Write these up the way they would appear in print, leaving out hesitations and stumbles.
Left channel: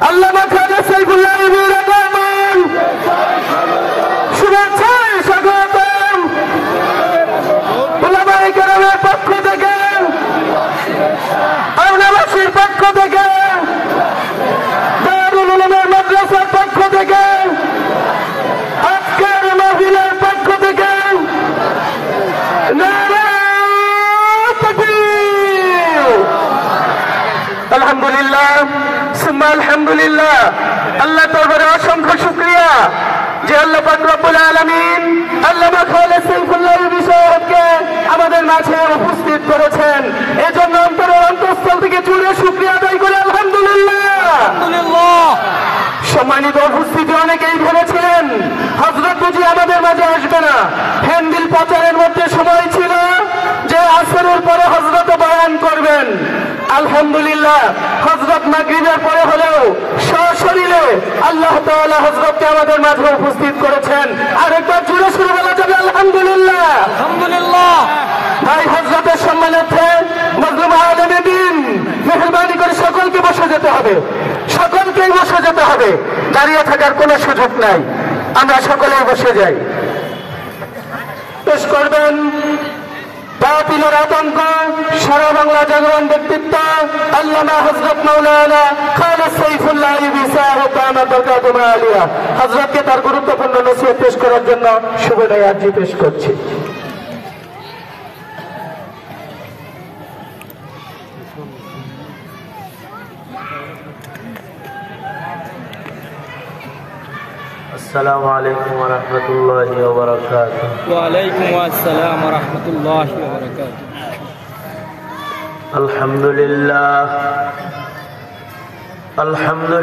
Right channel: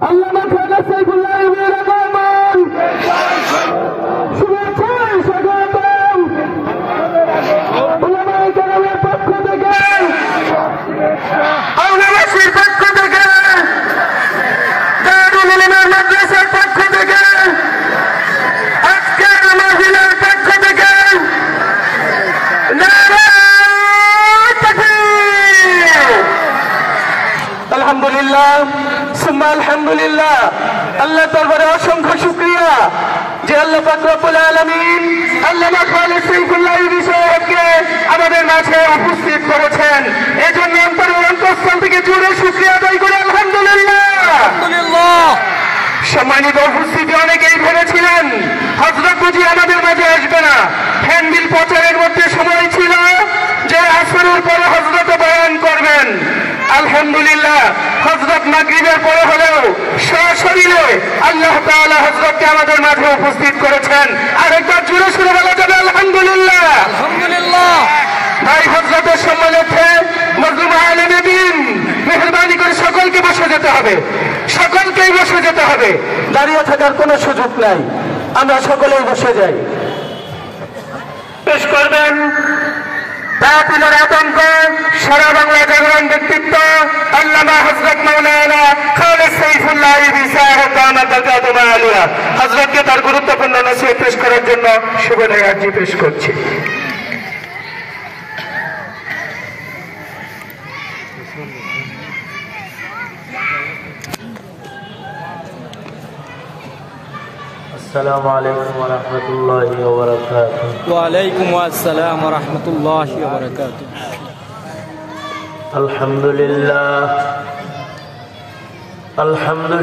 আল্লামা খাজা সাইফুল্লাহ আলমীর আগমন, শুভেচ্ছায় স্বাগতম। উলামায়ে কেরামের পক্ষ থেকে, আওলামাসীর পক্ষ থেকে, দারুল উলুমের মাদ্রাসার পক্ষ থেকে, আজকের মাহফিলের পক্ষ থেকে নারায়ে তাকবীর। আলহামদুলিল্লাহ সুম্মা আলহামদুলিল্লাহ। আল্লাহ দরবারে অসংখ্য শুকরিয়া যে আল্লাহ পাক রব্বুল আলামিন আল্লামা খাজা সাইফুল্লাহ আলমী সাহেবকে আমাদের মাঝে উপস্থিত করেছেন। এজন্য অন্তরের অন্তঃস্থল থেকে জুড়ে শুকরিয়া আদায় করে আলহামদুলিল্লাহ। সম্মানিত উপস্থিতি, অনেকেই ভেবেছিলেন হযরত বুঝি আমাদের মাঝে আসবে না। হ্যান্ডবিল প্রচারের মধ্যে সময় ছিল যে আসরের পরে হযরত বয়ান করবেন। আলহামদুলিল্লাহ, হযরত মাগরিবের পরে হলেও সশরীরে আল্লাহ তাআলা হযরতকে আমাদের মাঝে উপস্থিত করেছেন। আরেকবার জোরে সুরে বলা যাবে আলহামদুলিল্লাহ। আলহামদুলিল্লাহ। ভাই হযরতের সম্মানার্থে মজলুম আলেমে দ্বীন, মেহেরবানি করে সকলকে বসে যেতে হবে, সকলকেই বসে যেতে হবে। দাঁড়িয়ে থাকার কোনো সুযোগ নাই, আমরা সকলেই বসে যাই। পেশ করবেন বাতিলের আতঙ্ক সারা বাংলা জাগরণ ব্যক্তিত্ব আল্লামা হযরত মাওলানা খাজা সাইফুল্লাহ আলমী সাহেব দামাত বরকাতুহু আলিয়া। হযরতকে তার গুরুত্বপূর্ণ নসিহত পেশ করার জন্য শুভেচ্ছা আরজি পেশ করছি। السلام عليكم ورحمة الله وبركاته. وعليكم السلام ورحمة الله وبركاته. الحمد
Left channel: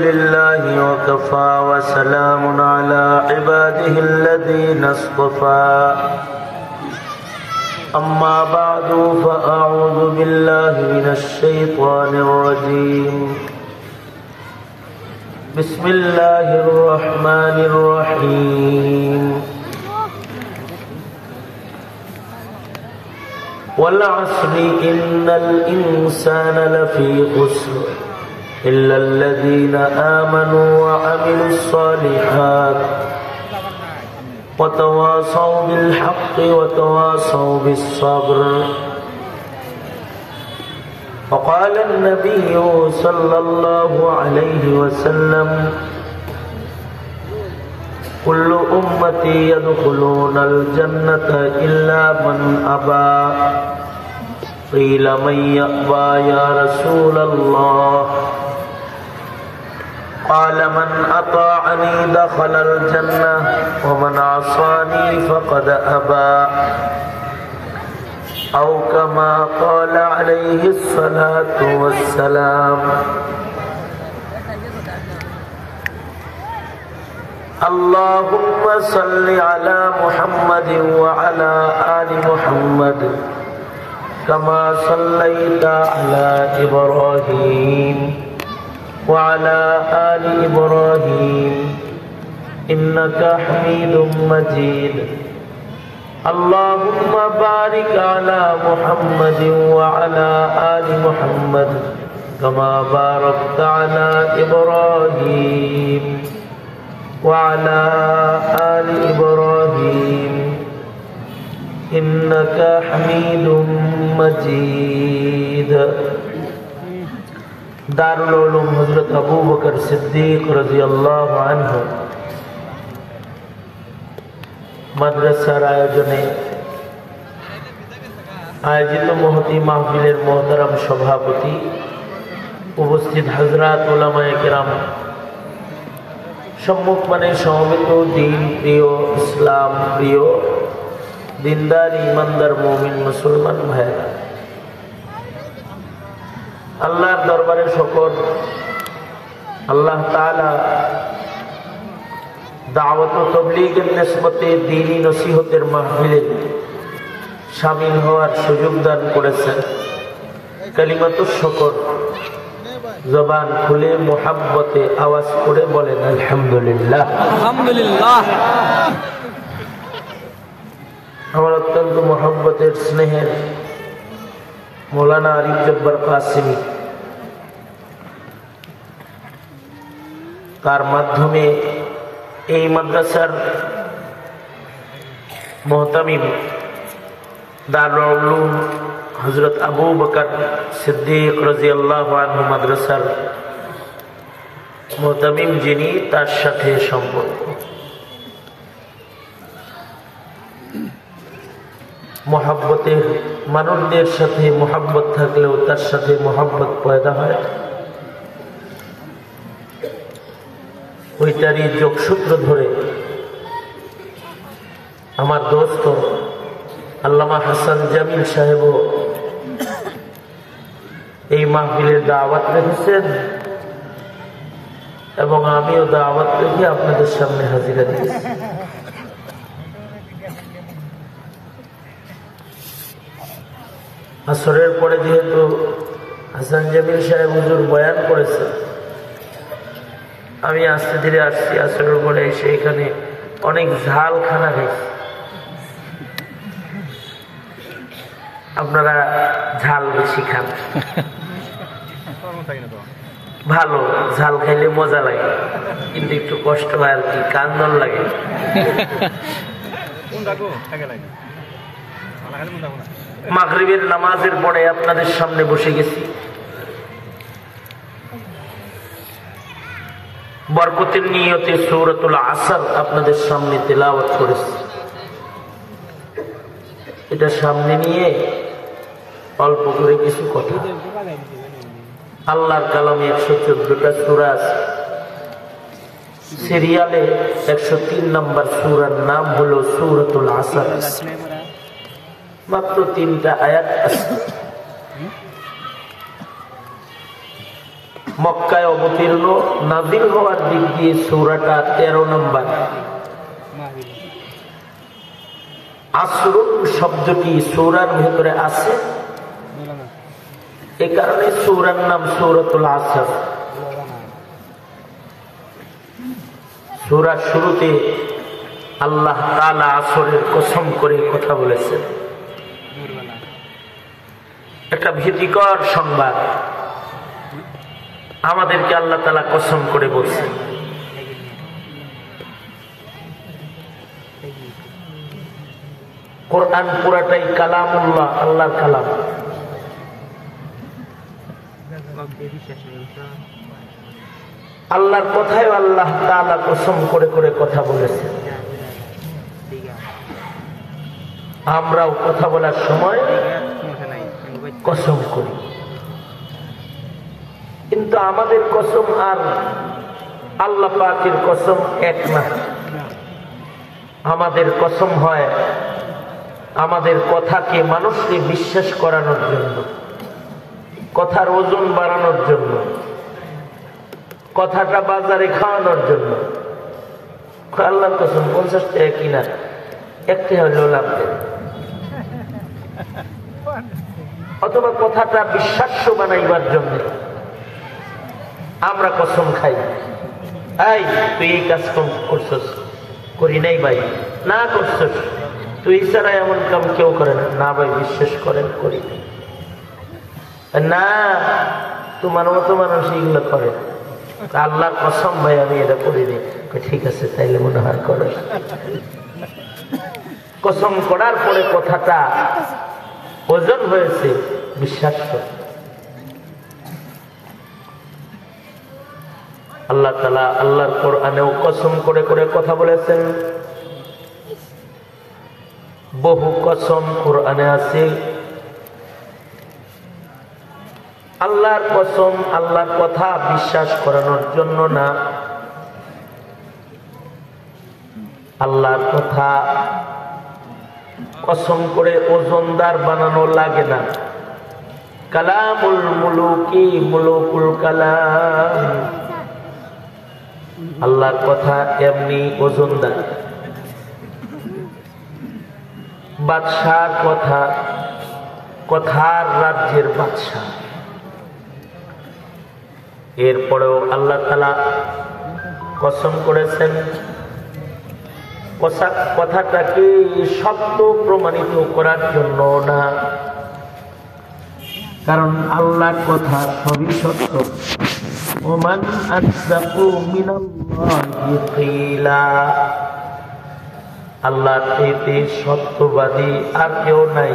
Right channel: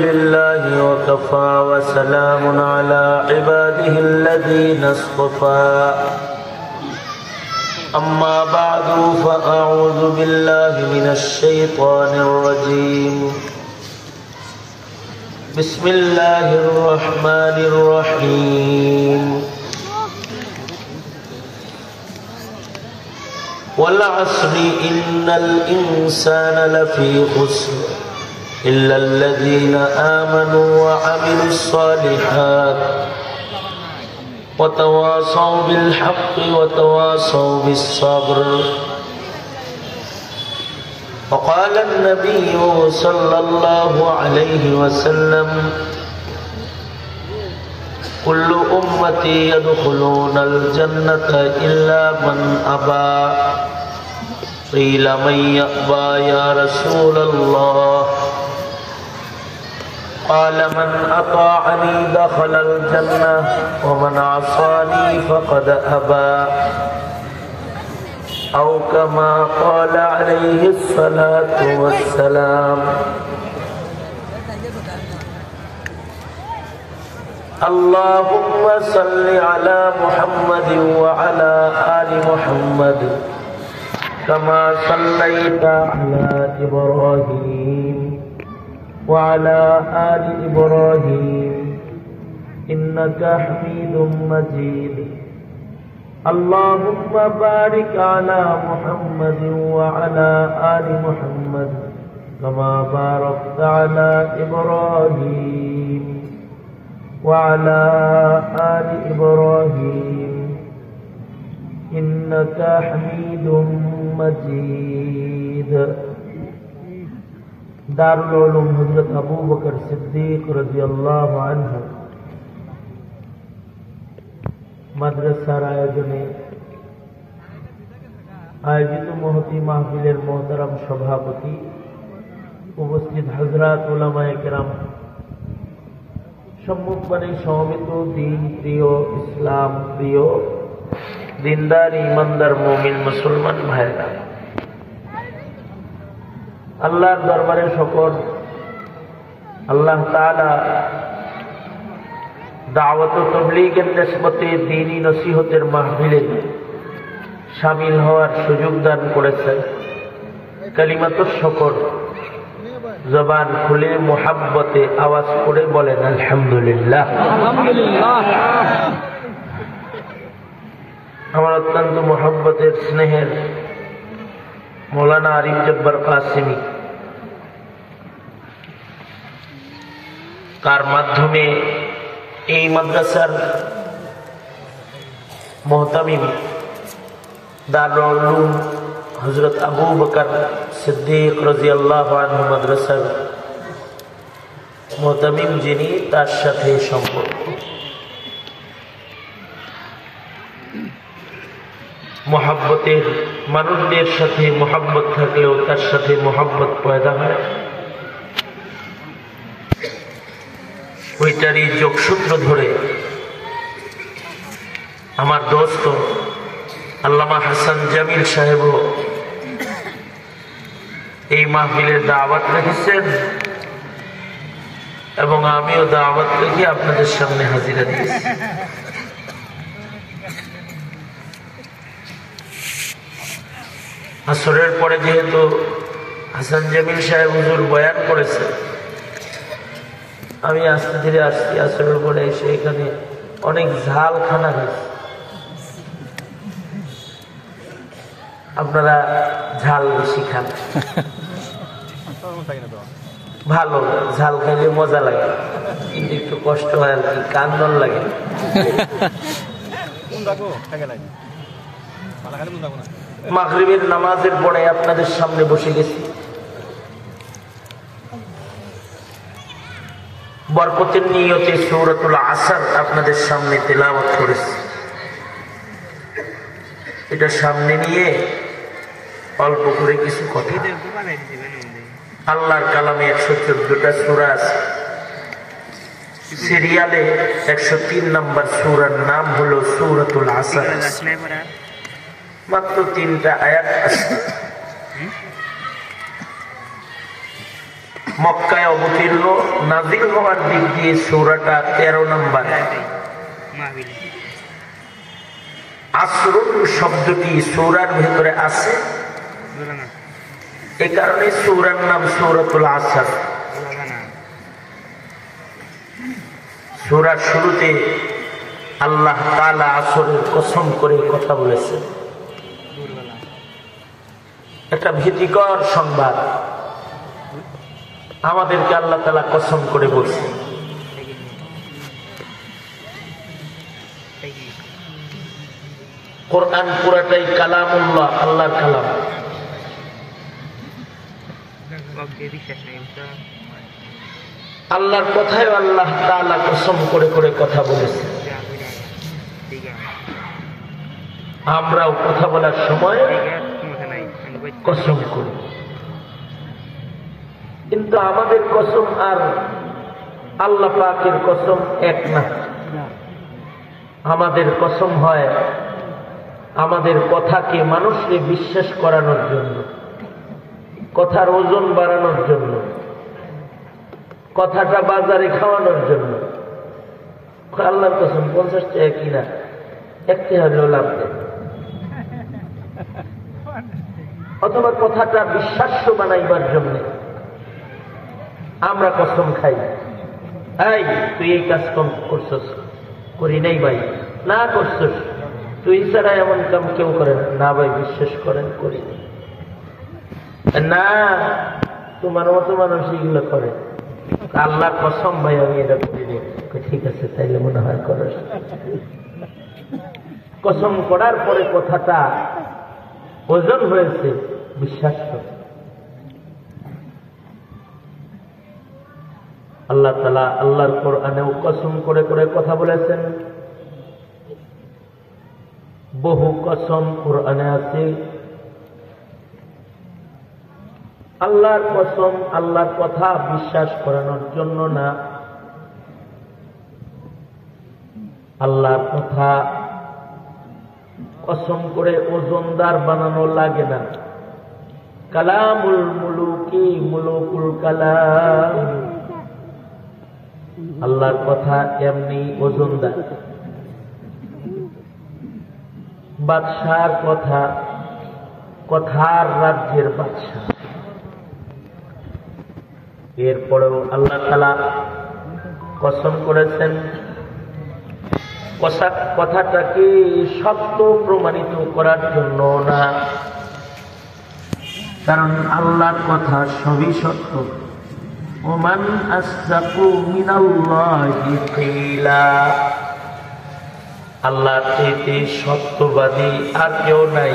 لله وكفى وسلام على عباده الذين اصطفى. أما بعد فأعوذ بالله من الشيطان الرجيم. بسم الله الرحمن الرحيم. والعصر إن الإنسان لفي خسر إلا الذين آمنوا وعملوا الصالحات وتواصوا بالحق وتواصوا بالصبر. وقال النبي صلى الله عليه وسلم كل أمتي يدخلون الجنة إلا من أبى. قيل من يأبى يا رسول الله؟ قال من أطاعني دخل الجنة ومن عصاني فقد أبى، أو كما قال عليه الصلاة والسلام. اللهم صل على محمد وعلى آل محمد كما صليت على إبراهيم وعلى آل إبراهيم إنك حميد مجيد. اللهم بارك على محمد وعلى آل محمد كما باركت على إبراهيم وعلى آل إبراهيم إنك حميد مجيد. দারুল উলুম হযরত আবু বকর সিদ্দিক রাদিয়াল্লাহু আনহু মাদ্রাসার আয়োজনে আয়োজিত মহতি মাহফিলের মোহতারাম সভাপতি, উপস্থিত হযরত উলামায়ে কেরাম, সম্মুখমানে সমবেত দিন প্রিয়, ইসলাম প্রিয়, দিনদার ইমানদার মুমিন মুসলমান ভাইরা, আল্লাহর দরবারে শুকর। আল্লাহ তাআলা দাওয়াত ও তাবলীগের নিসবতে দ্বীনি নসিহতের মাহফিলে শামিল হওয়ার সুযোগ দান করেছেন। কালিমাতুশ শুকর, জবান খুলে মুহাব্বতে আওয়াজ করে বলেন আলহামদুলিল্লাহ। আলহামদুলিল্লাহ। আমার অত্যন্ত মুহাব্বতের স্নেহের মৌলানা আরিফ জব্বার কাসিমি তার মাধ্যমে এই মাদ্রাসার মুহতামিম দারুল উলুম হযরত আবু বকর সিদ্দিক রাদিয়াল্লাহু আনহু মাদ্রাসার মুহতামিম যিনি, তার সাথে সম্পর্ক। মোহাব্বতের মানুষদের সাথে মোহাব্বত থাকলেও তার সাথে মোহাব্বত পয়দা হয়, ওইটারই যোগসূত্র ধরে আমার দোস্ত আল্লামা হাসান জামিল সাহেব এই মাহফিলের দাওয়াত রেখেছেন এবং আমিও দাওয়াত রেখে আপনাদের সামনে হাজিরা দিয়েছি। আসরের পরে যেহেতু হাসান জামিল সাহেব হুজুর বয়ান করেছে, আমি আস্তে ধীরে আসছি। আসরের পরে এসে এখানে অনেক ঝাল খানা খাইছি। আপনারা ঝাল বেশি খান, ভালো, ঝাল খাইলে মজা লাগে, কিন্তু একটু কষ্ট হয় আর কি, কান্দন লাগে। মাগরিবের নামাজের পরে আপনাদের সামনে বসে গেছি। বরকতের নিয়তে সূরাতুল আসর আপনাদের সামনে তেলাওয়াত করেছি। এটা সামনে নিয়ে অল্প করে কিছু কথা। আল্লাহর কালামে 114টা সূরা আছে। সিরিয়ালে 103 নম্বর সূরার নাম হলো সূরাতুল আসর। মাত্র 3টা আয়াত আছে। মক্কায় অবতীর্ণ, নাজিল হওয়ার দিক দিয়ে সূরাটা 13 নম্বর। আসরুন শব্দটি সূরার ভেতরে আছে, এ কারণে সূরার নাম সূরাতুল আসর। সূরার শুরুতে আল্লাহ তাআলা আসরের কসম করে কথা বলেছেন। একটা ভীতিকর সংবাদ আমাদেরকে আল্লাহ তাআলা কসম করে বলছেন। কোরআন পুরাটাই কালামুল্লাহ, আল্লাহর কালাম। আল্লাহর কথায় আল্লাহ তাআলা কসম করে করে কথা বলেছেন। আমরাও কথা বলার সময় কসম করি, কিন্তু আমাদের কসম আর আল্লাহ পাকের কসম এক না। আমাদের কসম হয় আমাদের কথাকে মানুষকে বিশ্বাস করানোর জন্য, কথার ওজন বাড়ানোর জন্য, কথাটা বাজারে খাওয়ানোর জন্য। আল্লাহর কসম 50 টাকা কিনা, একটি হলেও লাভ দেয়। অথবা কথাটা বিশ্বাস্য বানাইবার জন্য আমরা কসম খাই। এই তুই এই কাজ করছস, করি নাই ভাই, না করছস, তুই ছাড়া এমন কাম কেউ করে না ভাই, বিশ্বাস করেন করি না, তোমার মতো মানুষ এগুলো করে। আল্লাহর কসম ভাই আমি এটা করি নি। ঠিক আছে, তাইলে মনে হয় করো। কসম করার পরে কথাটা ওজন হয়েছে, বিশ্বাস্য। আল্লাহ তাআলা আল্লাহর কোরআনেও কসম করে করে কথা বলেছেন। বহু কসম কোরআনে আছে। আল্লাহর কসম আল্লাহর কথা বিশ্বাস করানোর জন্য না, আল্লাহর কথা কসম করে ওজনদার বানানো লাগে না। কালামুল মুলুকি মুলুকুল কালাম, আল্লাহর কথা এমনি ওজনদার। বাদশার কথা, কথার রাজ্যের বাদশাহ। এরপরেও আল্লাহ তাআলা কসম করেছেন কথাটাকে সত্য প্রমাণিত করার জন্য না, কারণ আল্লাহর কথা সবই সত্য। ওমান আসদাকু মিনাল্লাহি কিলা, আল্লাহ থেকে সত্যবাদী আর কেউ নাই।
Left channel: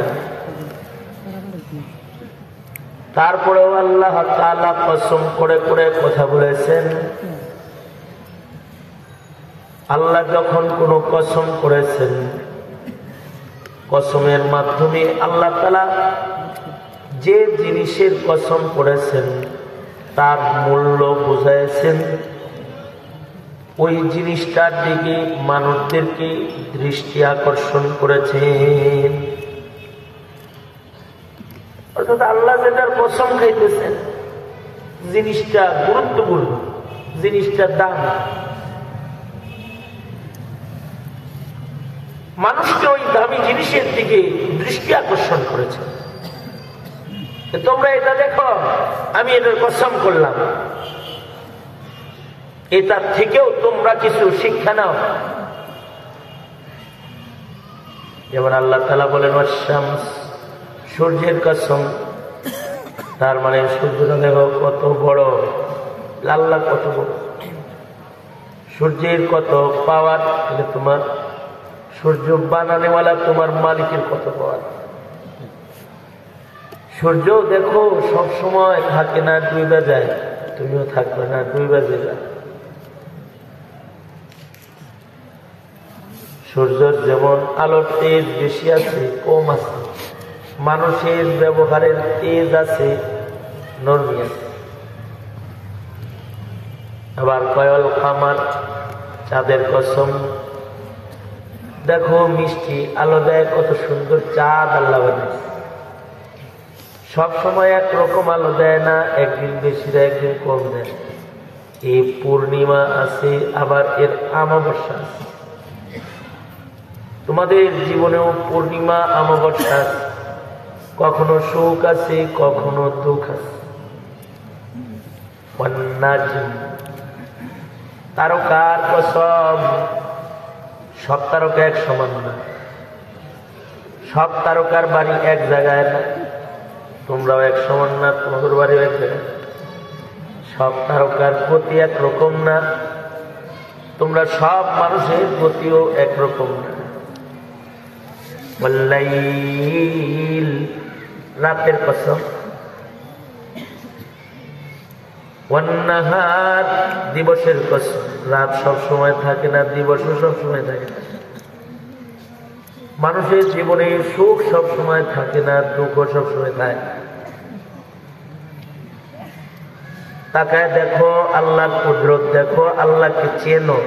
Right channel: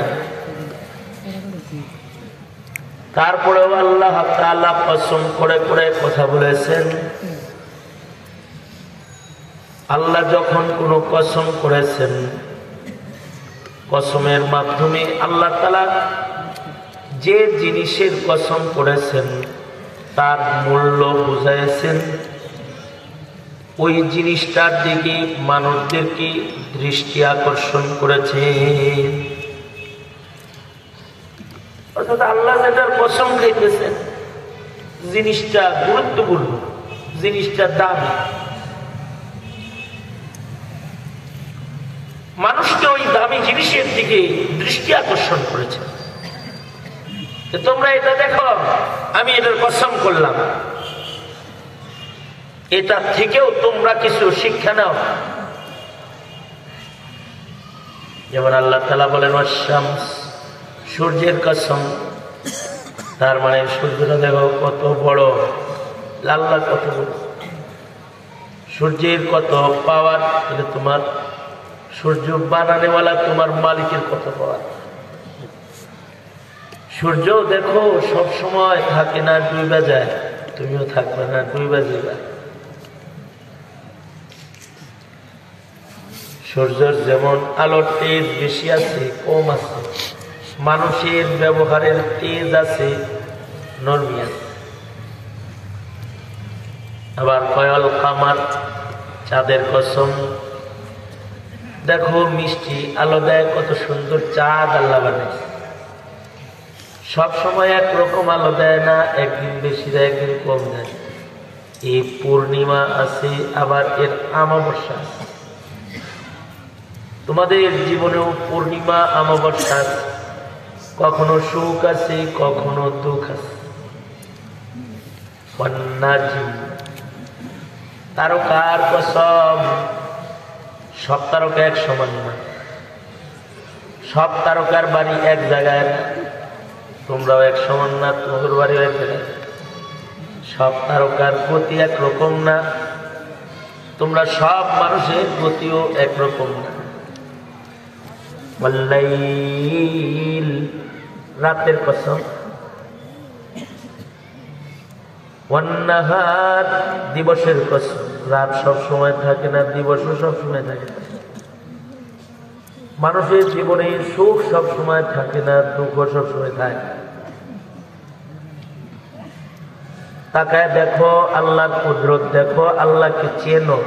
তারপরেও আল্লাহ তাআলা কসম করে করে কথা বলেছেন। আল্লাহ যখন কোনো কসম করেছেন, কসমের মাধ্যমে আল্লাহ তাআলা যে জিনিসের কসম করেছেন তার মূল্য বুঝাইছেন। ওই জিনিসটার দিকে মানুষদেরকে দৃষ্টি আকর্ষণ করেছেন। অর্থাৎ আল্লাহ যেটার কসম খাইতেছেন জিনিসটা গুরুত্বপূর্ণ, জিনিসটা দামি, মানুষকে ওই দামি জিনিসের দিকে দৃষ্টি আকর্ষণ করেছে। তোমরা এটা দেখো, আমি এটার কসম করলাম, এটা থেকেও তোমরা কিছু শিক্ষা নাও। যেমন আল্লাহ তাআলা বলেন ওয়াশ-শামস, সূর্যের কসম, তার মানে সূর্যটা দেখো কত বড়, আল্লাহ কত বড়, সূর্যের কত পাওয়ার, তাহলে তোমার সূর্য বানানেওয়ালা তোমার মালিকের কত পাওয়ার। সূর্য দেখো সব সময় থাকে না, ডুইবা যায়, তুমিও থাকবে না, ডুইবা যাবে। সূর্যের যেমন আলোর তেজ বেশি আছে কম আছে, মানুষের ব্যবহারের তেজ আছে নরমি আছে। আবার কয়ল কামার, চাঁদের কসম, দেখো মিষ্টি আলো দেয়, কত সুন্দর চাঁদ আল্লাহ বানিয়েছে। সব সময় একরকম আলো দেয় না, একদিন বেশি দেয় একদিন কম দেয়। এই পূর্ণিমা আছে, আবার এর অমাবস্যা আছে। তোমাদের জীবনেও পূর্ণিমা অমাবস্যা আছে, কখনো সুখ আছে কখনো দুঃখ আছে। তারকার কসম, সব তারকা এক সমান না, সব তারকার বাড়ি এক জায়গায় না, তোমরাও এক সমান না, তোমাদের বাড়িও এক জায়গায়। সব তারকার গতি একরকম না, তোমরা সব মানুষের গতিও একরকম না। ওয়াল্লাইল, রাতের কসম, ওয়ান্নাহার, দিবসের কসম, রাত সব সময় থাকে না, দিবসও সব সময় থাকে না। মানুষের জীবনে সুখ সব সময় থাকে না, দুঃখ সব সময় থাকে। তাকায় দেখো আল্লাহর কুদরত, দেখো আল্লাহকে চেনো।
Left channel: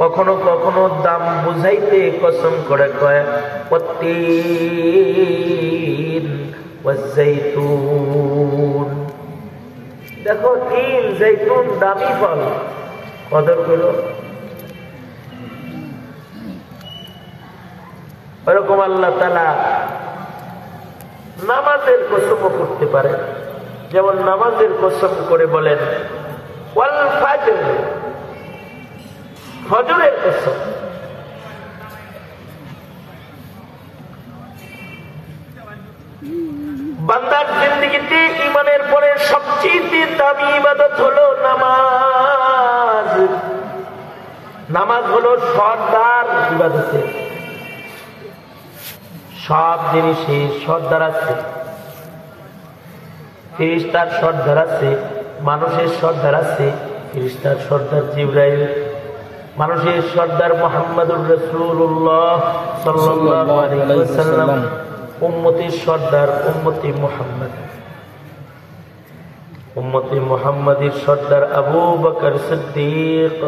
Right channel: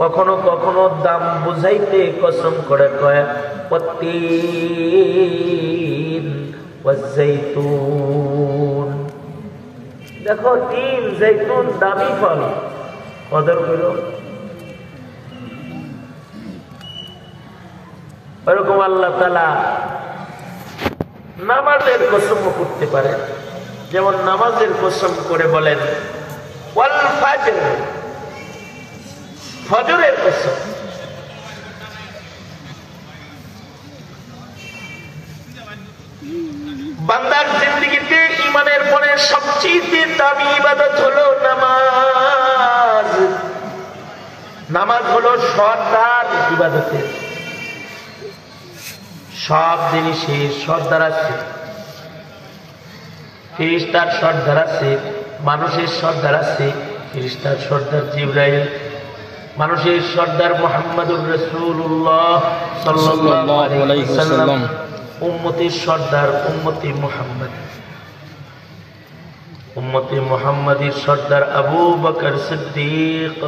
কখনো কখনো দাম বুঝাইতে কসম করে কয় ওয়াত্তিন ওয়াজ্জাইতুন, দেখো তিল জৈতুন দামি ফল, কদর করো। এরকম আল্লাহ তাআলা নামাজের কসমও করতে পারে। যেমন নামাজের কসম করে বলেন ওয়াল ফাজর, ফজরের কসম। বান্দার জিন্দেগিতে ঈমানের পরে সবচেয়ে দামি ইবাদত হলো নামাজ। নামাজ হলো সর্দার ইবাদতের। সব জিনিসে সর্দার আছে, ফেরেশতার সর্দার আছে, মানুষের সর্দার আছে। ফেরেশতার সর্দার জিবরাইল, মানুষের সর্দার মুহাম্মদুর রাসূলুল্লাহ সাল্লাল্লাহু আলাইহি ওয়াসাল্লাম, উম্মতের সর্দার উম্মতে মুহাম্মদ। উম্মতে মুহাম্মাদের সর্দার আবু বকর সিদ্দিক।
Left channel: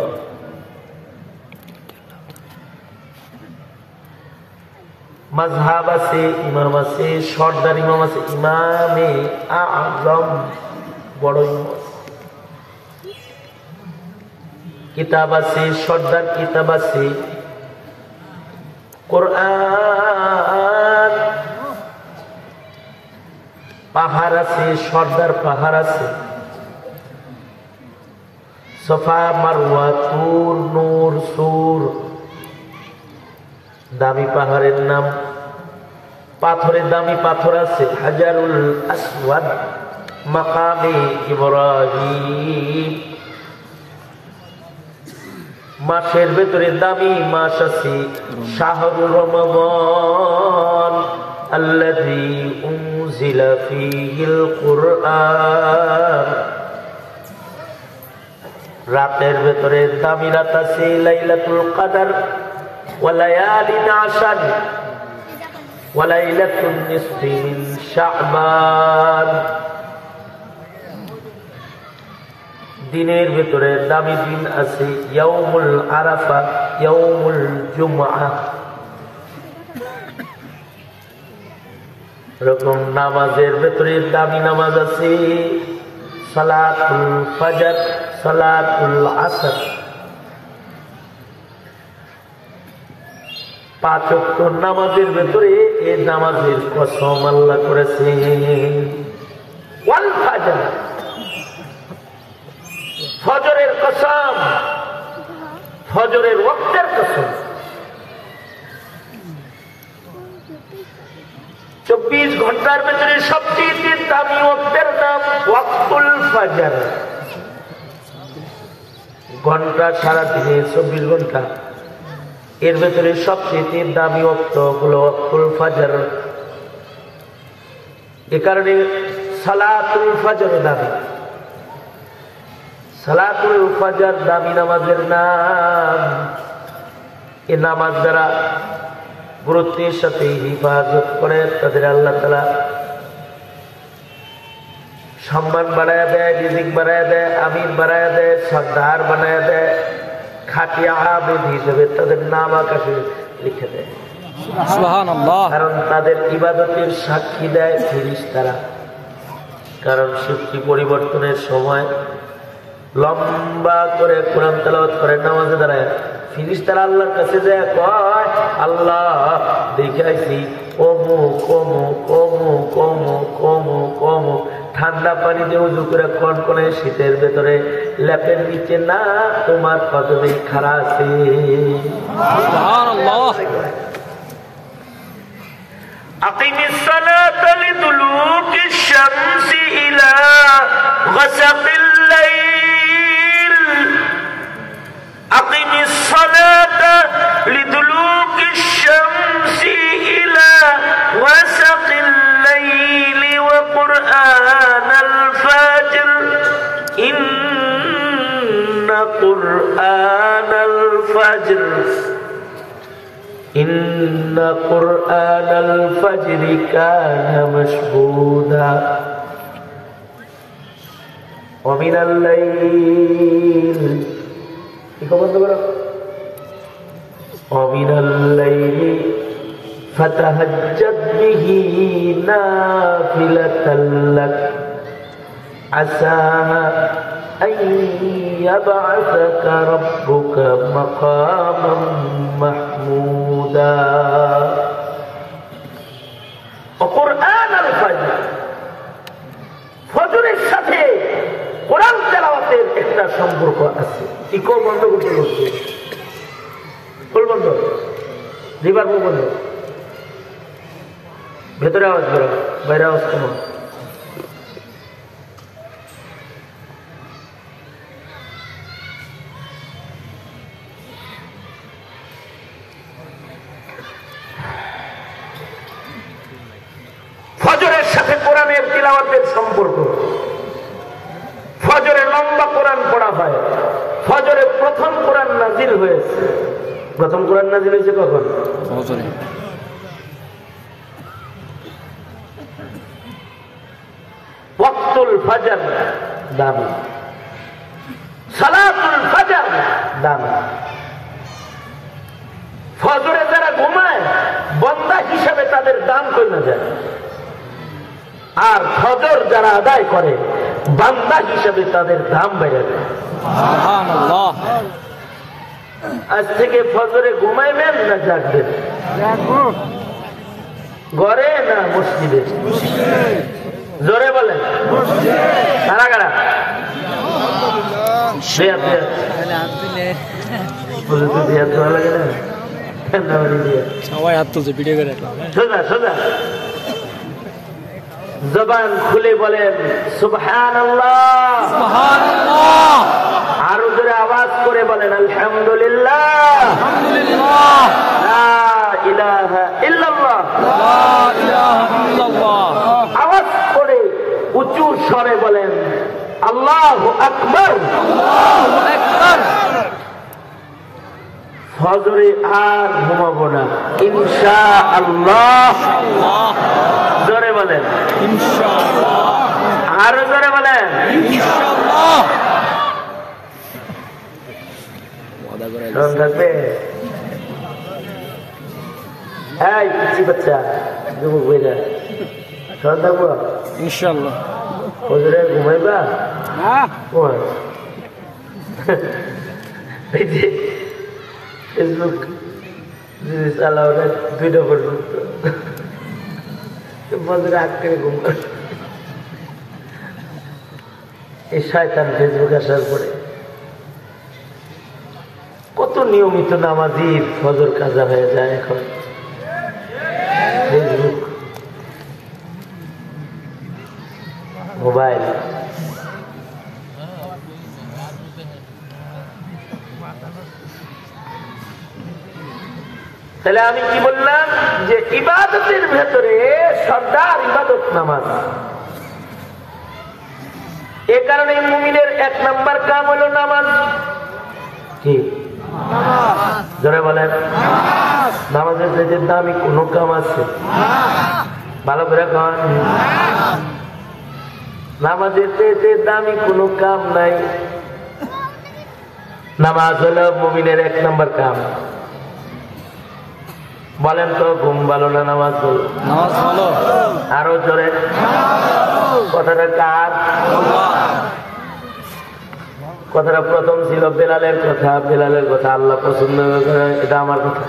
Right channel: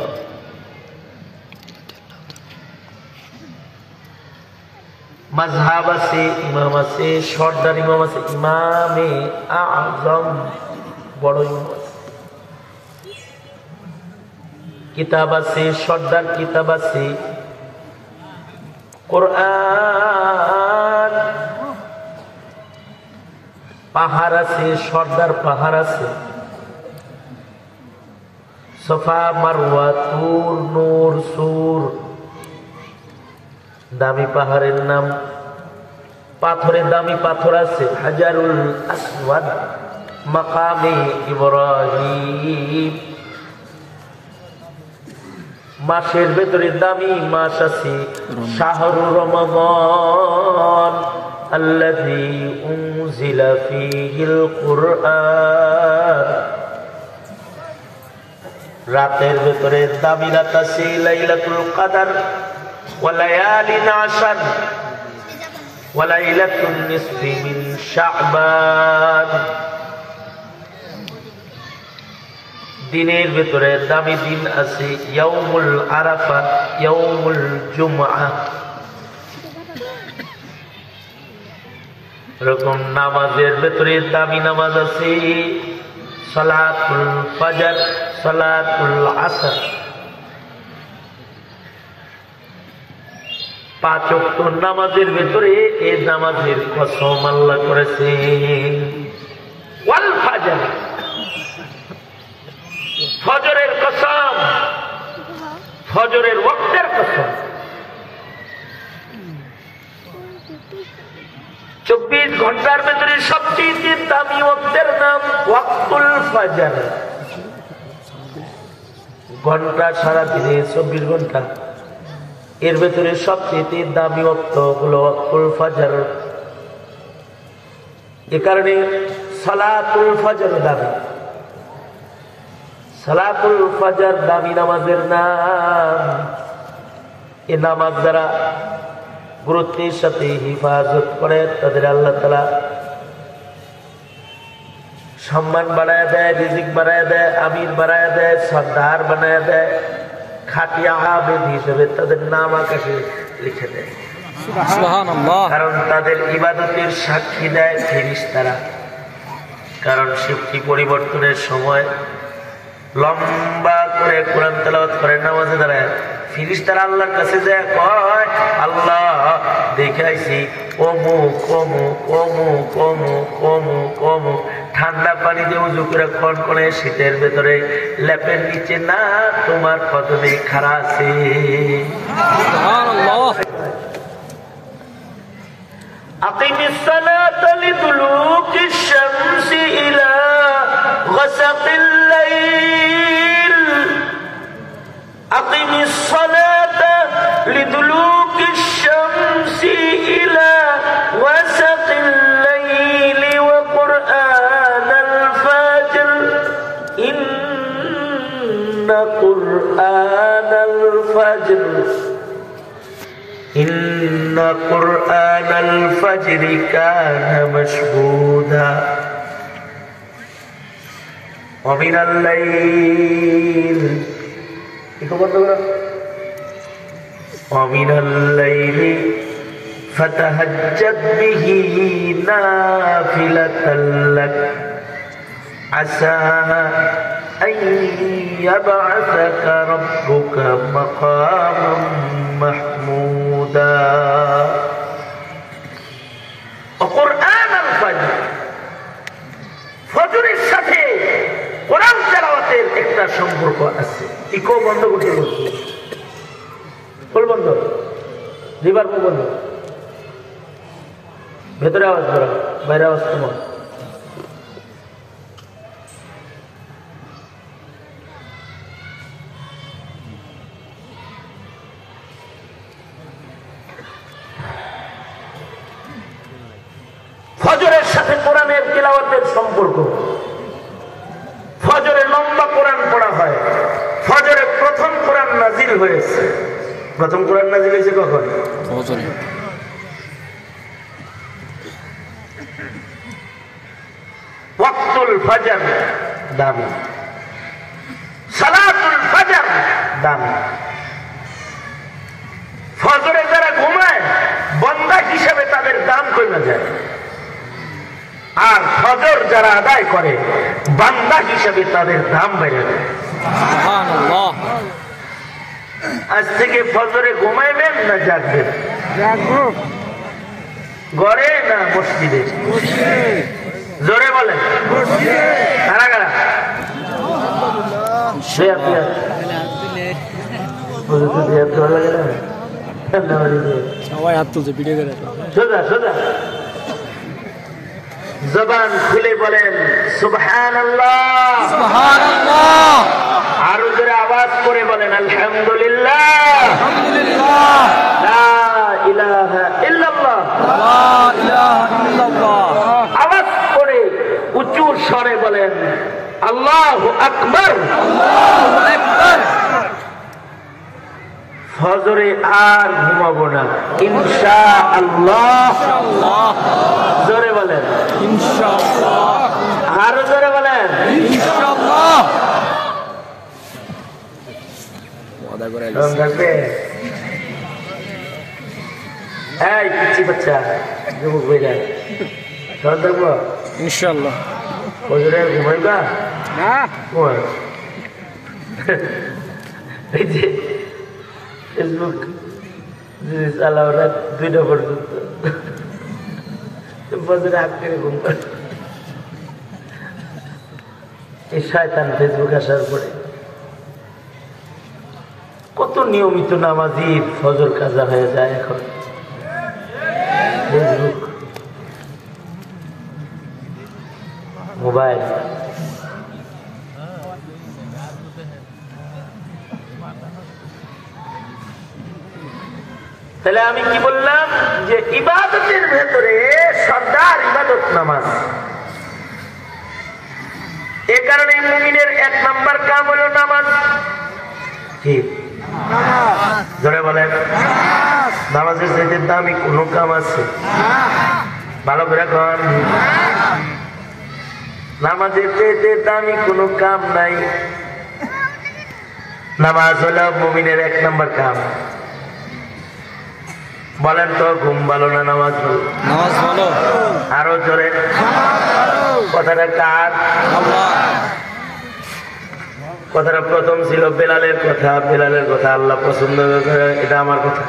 মাযহাব আছে, ইমাম আছে, সর্দার ইমাম আছে, ইমামে আযম, বড় ইমাম আছে। কিতাব আছে, সর্দার কিতাব আছে, কোরআন। পাহাড় আছে, সর্দার পাহাড় আছে, সফা মারওয়া, তুর, নূর, সুর, দামি পাহাড়ের নাম। পাথরে দামি পাথর আছে, হাজারুল আসওয়াদ, মাকামে ইব্রাহিম। মাসের ভেতরে দামি মাস আছে শাহরুর রমাদান আল্লাযী উনজিলা ফীহিল কুরআন। রাতের ভেতরে দামি রাত আছে লাইলাতুল কদর ওয়া লায়ালিন আশর ওয়া লাইলাতুন নিসফি মিন শাবান। দিনের ভেতরে দামি দিন আছে ইয়াউমুল আরাফা, ইয়াউমুল জুমআ। এরকম নামাজের ভেতরে দামি নামাজ আছে সালাতুল ফজর, সালাতুল আসর। 5 ওয়াক্ত নামাজের ভেতরে এই নামাজের কসম আল্লাহ করেছেন। ওয়াল ফজর, ফজরের কসম, ফজরের ওয়াক্তের কসম। 24 ঘন্টার ভেতরে সবচেয়ে দামি ওয়াক্তের নাম ওয়াক্তুল ফজর। ঘন্টা সারাদিনে 24 ঘন্টা, এর ভেতরে সবচেয়ে দামি ওয়াক্ত হলো ওয়াক্তুল ফজর। এ কারণে সালাতুল ফজর দামি। সালাতুল ফজর দামি নামাজের নাম। এ নামাজ দ্বারা গুরুত্বের সাথে হিফাজত করে তাদের আল্লাহ তাআলা সম্মান বাড়ায় দেয়, রিজিক বাড়ায় দেয়, আমির বাড়ায় দেয়, সর্দার বানায় দেয়। খাঁটি আবেদ হিসেবে তাদের নাম আকাশে লিখে দেয়। সুবহানাল্লাহ। কারণ তাদের ইবাদতের সাক্ষী দেয় ফেরেশতারা। কারণ শিফটি পরিবর্তনের সময় লম্বা করে কোরআন তেলাওয়াত করে নামাজে দাঁড়ায়, ফেরেশতারা আল্লাহর কাছে যায় কয়, আল্লাহ দেখাইছি অমুক অমুক অমুক অমুক অমুক অমুক ঠান্ডা পানি দিয়ে উজু করে কনকনে শীতের ভেতরে ল্যাপের নিচে না তোমার কদমে খাড়া আছে। সুবহানাল্লাহ। আকিমিস সালাতা লিদুলুকিশ শামসি ইলা গাসাকিল লাইল। আকিমিস সালাতা লিদুলুকিশ শামসি ইলা গাসাকিল লাইল ওয়া কুরআনাল ফাজর। ইন্না কুরআনাল ফাজর ইন্না কুরআনাল ফাজরি কানা মাশহুদা ওয়া মিনাল লাইল। কি বলতে পারো? ওয়া মিনাল লাইলি ফাতাহাজ্জাদ বিহি নাফিলাতাল লাক আসা আন ইয়াবআসাকা রাব্বুকা মাকামান মাহমুদা। কুরআনুল ফজর, ফজরের সাথে কোরআন তেলাওয়াতের একটা সম্পর্ক আছে। ইকো বন্ধ করতে বলছে, ফুল বন্ধ, রিভার বন্ধ, ভেতরে আওয়াজ বেরো, বাইরে আওয়াজ কমো। ফজরের সাথে কোরআনের তিলাওয়াতের সম্পর্ক। ফজরে লম্বা কোরআন পড়া হয়। ফজরে প্রথম কোরআন নাজিল হয়েছে। প্রথম কোরআন নাজিল হয়েছে কখন? ফজরে। ওয়াক্তুল ফজর দামি, সালাতুল ফজর দামি। ফজরে যারা ঘুমায় বান্দা হিসেবে তাদের দাম কমে যায়, আর ফজর যারা আদায় করে বান্দা হিসেবে তাদের দাম বেড়ে যায়। সুবহানাল্লাহ। আজ থেকে ফজরে ঘুমাইবেন না জাগবেন? ঘরে না মসজিদে? জোরে বলেন। কারা কারা? সবাই হাত তুলছে ভিডিও করে। সোজা সোজা জবান খুলে বলেন সুবহানাল্লাহ। সুবহানাল্লাহ। আরো জোরে আওয়াজ করে বলেন আলহামদুলিল্লাহ। আলহামদুলিল্লাহ। লা ইলাহা ইল্লাল্লাহ। লা ইলাহা ইল্লাল্লাহ। আওয়াজ করে উঁচু স্বরে বলেন আল্লাহু আকবার। আল্লাহু আকবার। ফজরে আর ঘুমাবো না ইনশাআল্লাহ। ইনশাআল্লাহ। জোরে বলেন ইনশাআল্লাহ। আরো জোরে বলেন ইনশাআল্লাহ। ওয়াদা করে রং থাকবে। এই পিচ্ছি বাচ্চা যুবক ভাইরা সব থাকবো ইনশাআল্লাহ। ফজরে ঘুমাইবা ঘুমা। ওই যে ফেসবুক জিনিস আলাও রাত 2টা পর্যন্ত ফজরে আটকে ঘুম করে। এই শয়তান ফেসবুক আসার পরে কত নিয়মিত নামাজি ফজর কাজা হয়ে যায় এখন ফেসবুক মোবাইল। তাহলে আমি কি বললাম যে ইবাদতের ভেতরে সর্দার ইবাদত নামাজ। এ কারণে মুমিনের 1 নম্বর কাম হলো নামাজ। কি জোরে বলেন নামাজের চাইতে দামি কোন কাম আছে? ভালো করে কন। নামাজের চাইতে দামি কোনো কাম নাই। নামাজ হলো মুমিনের 1 নম্বর কাম। বলেন তো ঘুম ভালো না নামাজ ভালো? নামাজ ভালো। আরো জোরে কথাটা কার? আল্লাহ। কথাটা প্রথম ছিল বেলালের কথা। বেলালের কথা আল্লাহ পছন্দ করে, এটা আমার কথা।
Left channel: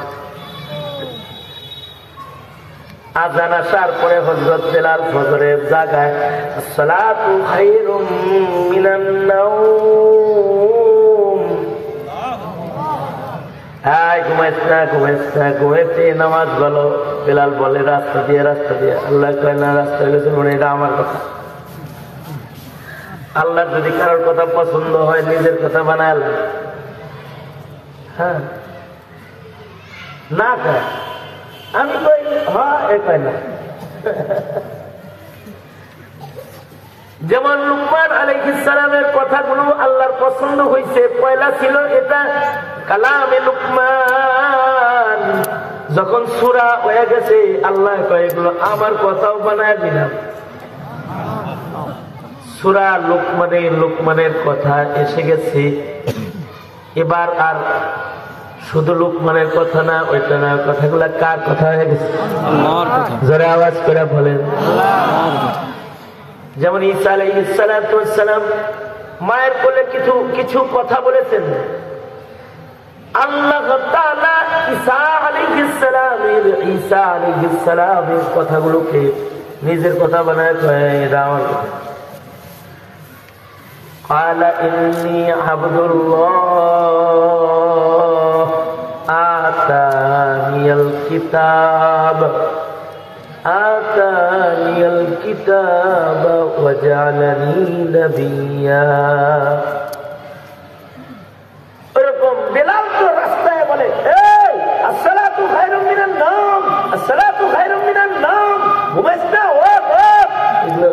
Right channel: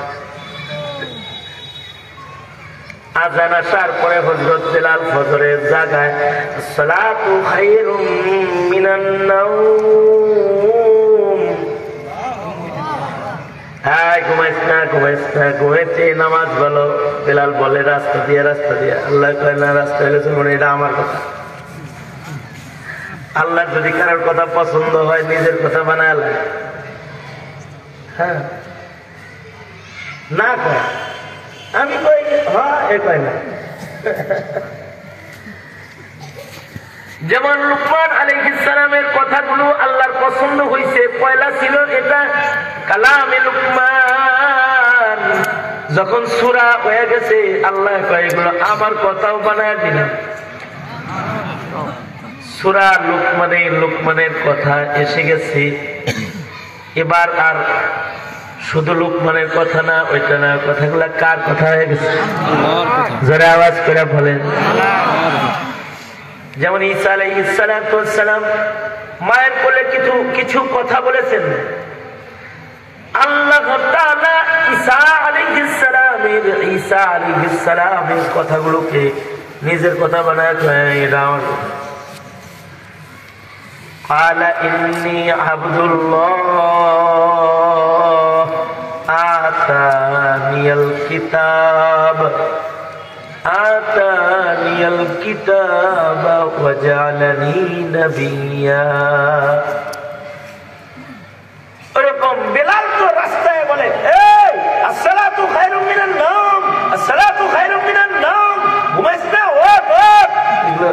আযান আসার পরে হযরত বেলাল ফজরের জায়গায় সালাতু খায়রুম মিনান নাওম, ঘুমাইস না ঘুমাইস না, ঘুমাইছে নামাজ বলো। বেলাল বলে রাস্তা দিয়ে রাস্তা দিয়ে। আল্লাহ কয় না রাস্তা হইলে এটা আমার কথা। আল্লাহ যদি কারোর কথা পছন্দ হয় নিজের কথা বানায় লাগে। হ্যাঁ না কয় আমি কই হ্যাঁ এ কয় না। যেমন লুকমান আলাইহিস সালামের কথাগুলো আল্লাহর পছন্দ হয়েছে। পয়লা ছিল এটা কালামে লুকমান। যখন সূরা হয়ে গেছে আল্লাহ কয় এগুলো আমার কথাও বানায় দিলাম। সূরা লুকমানের কথা এসে গেছে। এবার আর শুধু লুকমানের কথা না, ওইটা না, কথাগুলা কার কথা হয়ে গেছে? আল্লাহর কথা। জোরে আওয়াজ করে বলেন। আল্লাহর কথা। যেমন ঈসা আলাইহিস সালাম মায়ের কোলে কিছু কথা বলেছেন। আল্লাহ তাআলা ঈসা আলাইহিস সালামের কথাগুলোকে নিজের কথা বানায় কয় এটা আমার কথা। قال إني عبد الله آتاني الكتاب وجعلني نبيا। এরকম বেলাল তো রাস্তায় বলে এই আসসালাতু খায়রুম মিনান নাওম, আসসালাতু খায়রুম মিনান নাওম, ঘুমাইস না ওঠ ওঠ। এগুলো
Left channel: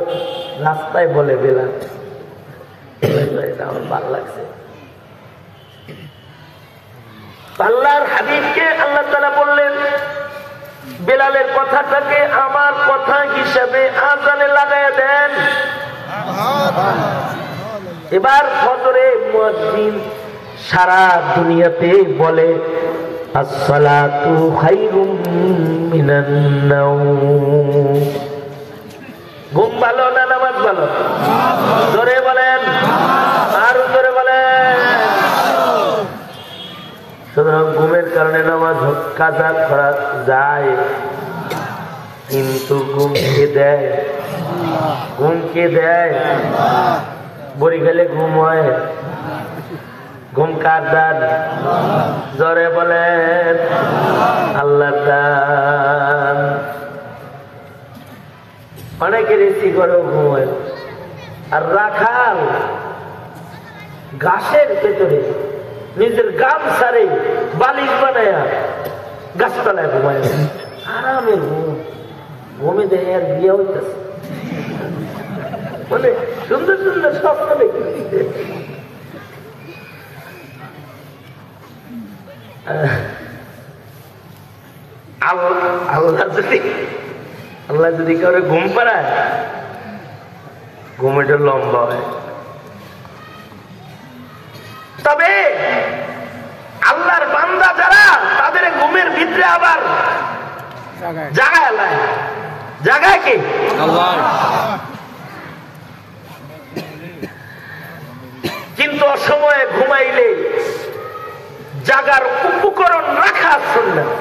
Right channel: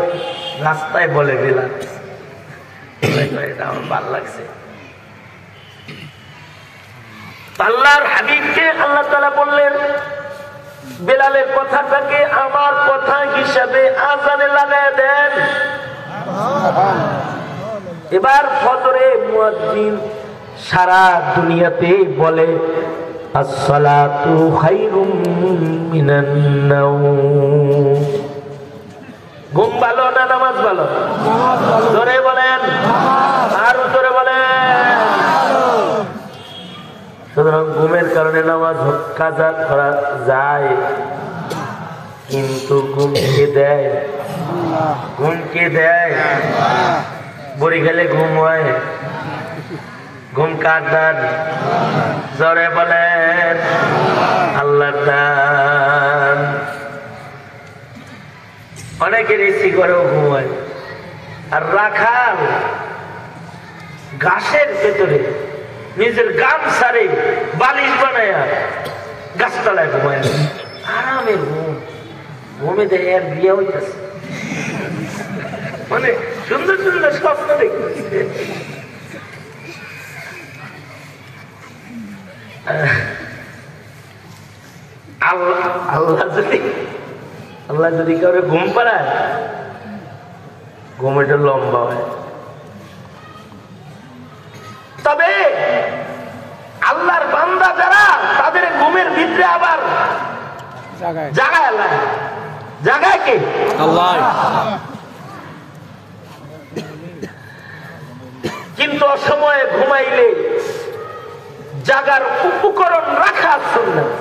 রাস্তায় বলে বেলাল। এটা আমার ভালো লাগছে। আল্লাহর হাবিবকে আল্লাহ তাআলা বললেন বেলালের কথাটাকে আমার কথা হিসাবে আযানে লাগায় দেন। এবার ফজরে মুয়াজ্জিন সারা দুনিয়াতে বলে আসসালাতু খায়রুম মিনান নাওম। ঘুম ভালো না নামাজ ভালো? জোরে বলেন, আরো জোরে বলেন। সুতরাং ঘুমের কারণে নামাজ কাজা করা যায়, কিন্তু ঘুম কে দেয়? ঘুম কে দেয়? বড়ি গেলে ঘুম হয়। ঘুম কার দান? জোরে বলেন আল্লাহর দান। অনেকের এসি করেও ঘুমায়। আর রাখাল গাছের ভেতরে নিজের গামছারে বালিশ বানায়া গাছতলায় ঘুমায়, আরামে ঘুম। ঘুমে দেখে আর বিয়ে হইতেছে, মানে সুন্দর সুন্দর স্বপ্ন দেখতেছে। আল্লাহ যদি কারো ঘুম পাড়ায়, ঘুমেটা লম্বা হয়। তবে আল্লাহর বান্দা যারা, তাদের ঘুমের ভিতরে আবার জাগায় আল্লাহ। জাগায় কে? আল্লাহ। কিন্তু অসময়ে ঘুমাইলে জাগার উপকরণ রাখা সুন্নাত।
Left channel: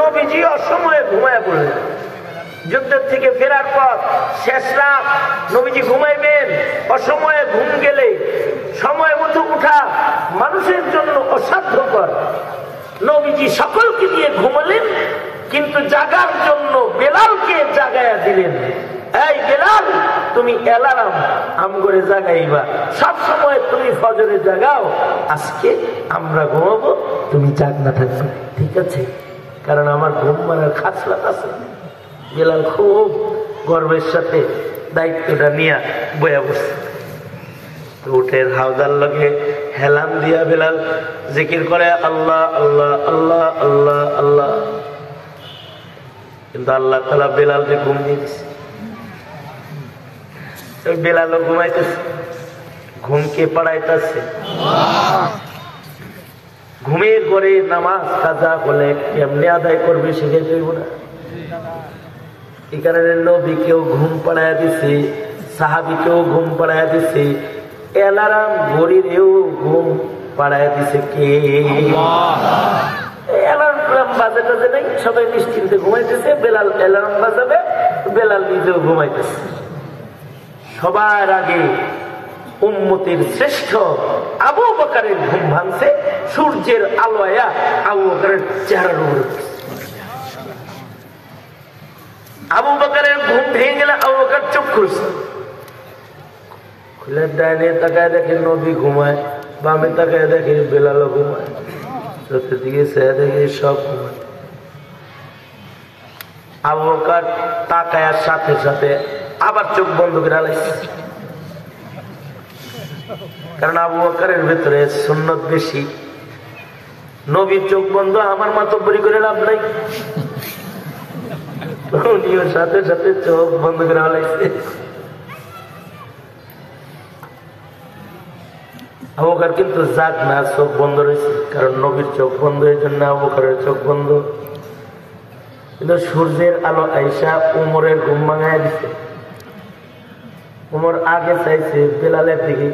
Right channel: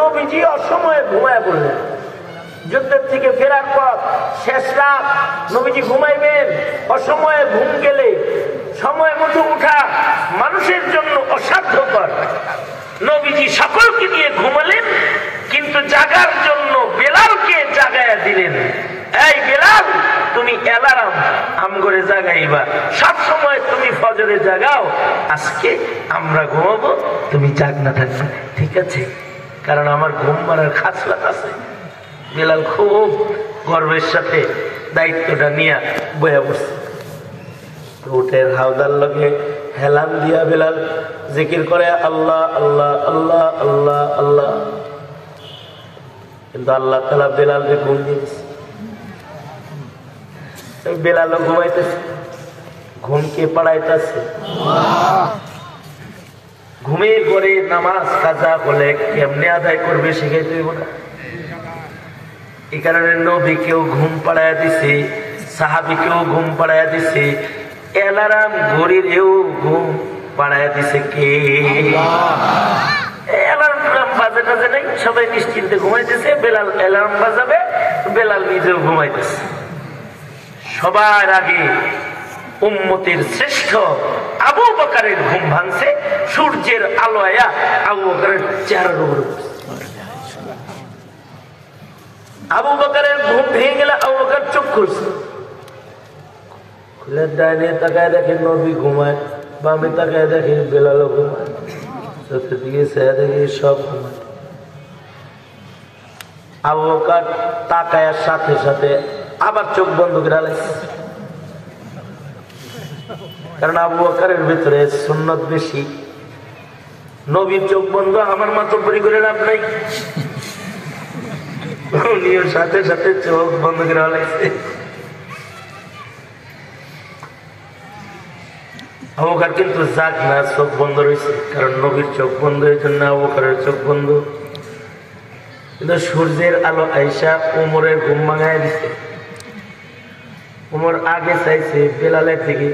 নবীজি অসময়ে ঘুমায় পড়লেন। যুদ্ধের থেকে ফেরার পর শেষ রাত নবীজি ঘুমাইবেন। অসময়ে ঘুম গেলে সময় মতো উঠা মানুষের জন্য অসাধ্যকর। নবীজি সকলকে নিয়ে ঘুমালেন, কিন্তু জাগার জন্য বেলালকে জাগাইয়া দিলেন। এই বেলাল, তুমি অ্যালার্ম আম করে জাগাইবা, সব সময় তুমি ফজরে জাগাও। আজকে আমরা ঘুমাবো, তুমি জাগনা থাকবে, ঠিক আছে? কারণ আমার ঘুম মারার খাসলাত আছে। বেলাল খুব গর্বের সাথে দায়িত্বটা নিয়ে বয়া বসছে। উঠের হাওদার লগে হেলাম দিয়া বেলাল জিকির করে আল্লাহ আল্লাহ আল্লাহ আল্লাহ আল্লাহ। কিন্তু আল্লাহ তাআলা বেলালকে ঘুম দিয়ে দিচ্ছে। বেলালও ঘুমাইতেছে, ঘুমকে পাড়াইতেছে। ঘুমের ঘরে নামাজ কাজা হলে কেমনে আদায় করবে শিখাইতে হইব না? এই কারণে নবীকেও ঘুম পাড়াইয়া দিছে, সাহাবীকেও ঘুম পাড়াইয়া দিছে, অ্যালার্ম ঘড়িরেও ঘুম পাড়াইয়া দিছে কে? অ্যালার্ম বাজে টাজে নেই, সবাই নিশ্চিন্তে ঘুমাইতেছে। বেলাল অ্যালার্ম বাজাবে, বেলাল নিজেও ঘুমাইতেছে। সবার আগে উম্মতের শ্রেষ্ঠ আবু বকরের ঘুম ভাঙছে। সূর্যের আলো আয়া আবু বকরের চেহারার উপর। আবু বকরের ঘুম ভেঙে গেলে আবু বকর চোখ খুলছে। খুলে ডানে তাকায় দেখে নবী ঘুমায়, বামে তাকায় দেখে বেলালও ঘুমায়, চতুর্দিকে চেয়ে দেখে সব ঘুমায়। আবু বকর তাকায়ার সাথে সাথে আবার চোখ বন্ধ করে আলাইছে। কারণ আবু বকরের ভেতরে সুন্নত বেশি। নবীর চোখ বন্ধ, আমার মাতব্বরি করে লাভ নাই। উনিও সাথে সাথে চোখ বন্ধ করে আলাইছে। আবু বকর কিন্তু যাক না, চোখ বন্ধ রয়েছে। কারণ নবীর চোখ বন্ধ, এই জন্য আবু বকরের চোখ বন্ধ। কিন্তু সূর্যের আলো আইসা উমরের ঘুম ভাঙায় দিচ্ছে। উমর আগে চাইছে বেলালের দিকে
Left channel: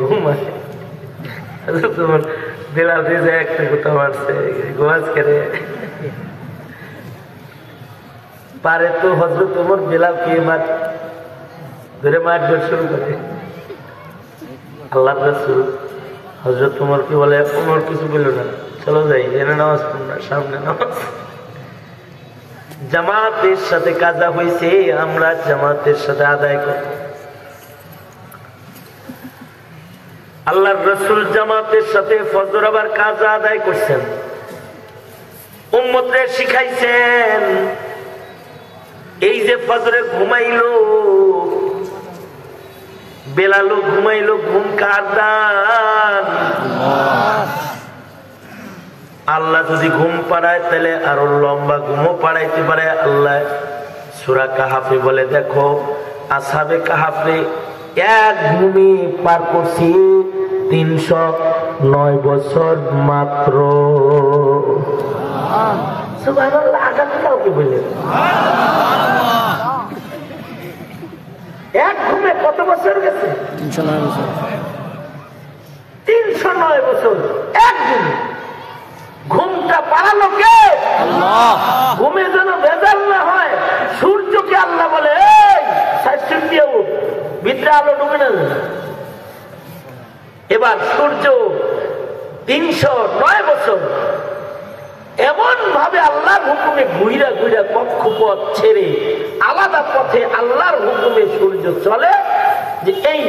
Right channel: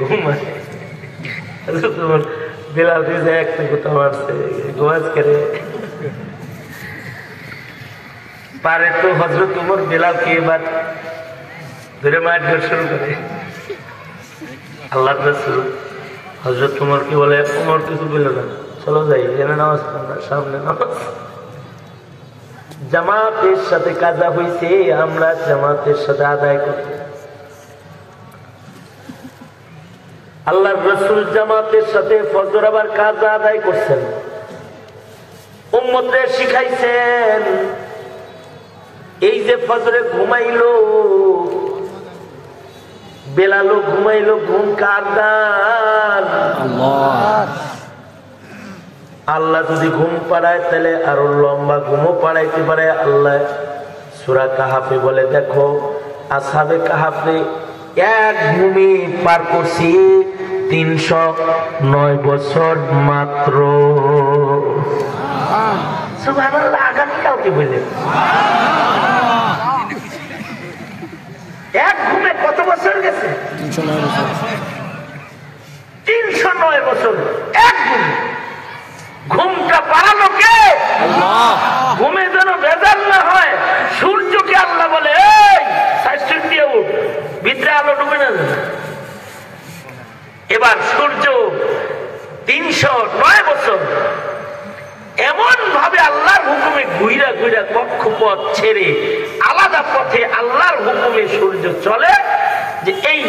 ঘুমায়, তোমার বেলাল দিয়ে একটা কোথা মারছে গোয়াজ করে পারে তো হযরত উমর বেলালকে এবার ধরে মারধর শুরু করে। আল্লাহর রাসূল হযরত উমর কি বলে, উমর কিছু বলল না, চলো যাই, এখানে নামাজ পড়না, সামনে নামাজ। জামাতের সাথে কাজা হয়েছে, আমরা জামাতের সাথে আদায় করব। আল্লাহর রাসূল জামাতের সাথে ফজর আবার কাজা আদায় করছেন, উম্মতরে শিখাইছেন। এই যে ফজরে ঘুমাইলো, বেলালও ঘুমাইলো, ঘুম কার দান? আল্লাহ যদি ঘুম পাড়ায় তাহলে আরো লম্বা ঘুমও পাড়াইতে পারে। আল্লাহ সূরা কাহাফে বলে, দেখো আসহাবে কাহাফে এক ঘুমে পার করছি 309 বছর মাত্র। সুবহানাল্লাহ, আগামীকালকে বললেন এক ঘুমে কত বছর গেছে? 309 বছর। 309 বছর এক ঘুমে। ঘুমটা পাড়ালো কে? আল্লাহ। ঘুমে যেন ভেজাল না হয়। সূর্যকে আল্লাহ বলে, এই সাইড দিয়ে উঠ, ভিতরে আলো ডুবে না যায়। এবার সূর্য 309 বছর এমন ভাবে আল্লাহর হুকুমে ঘুইরা ঘুইরা কক্ষপথ ছেড়ে আলাদা পথে আল্লাহর হুকুমে সূর্য চলে, যে এই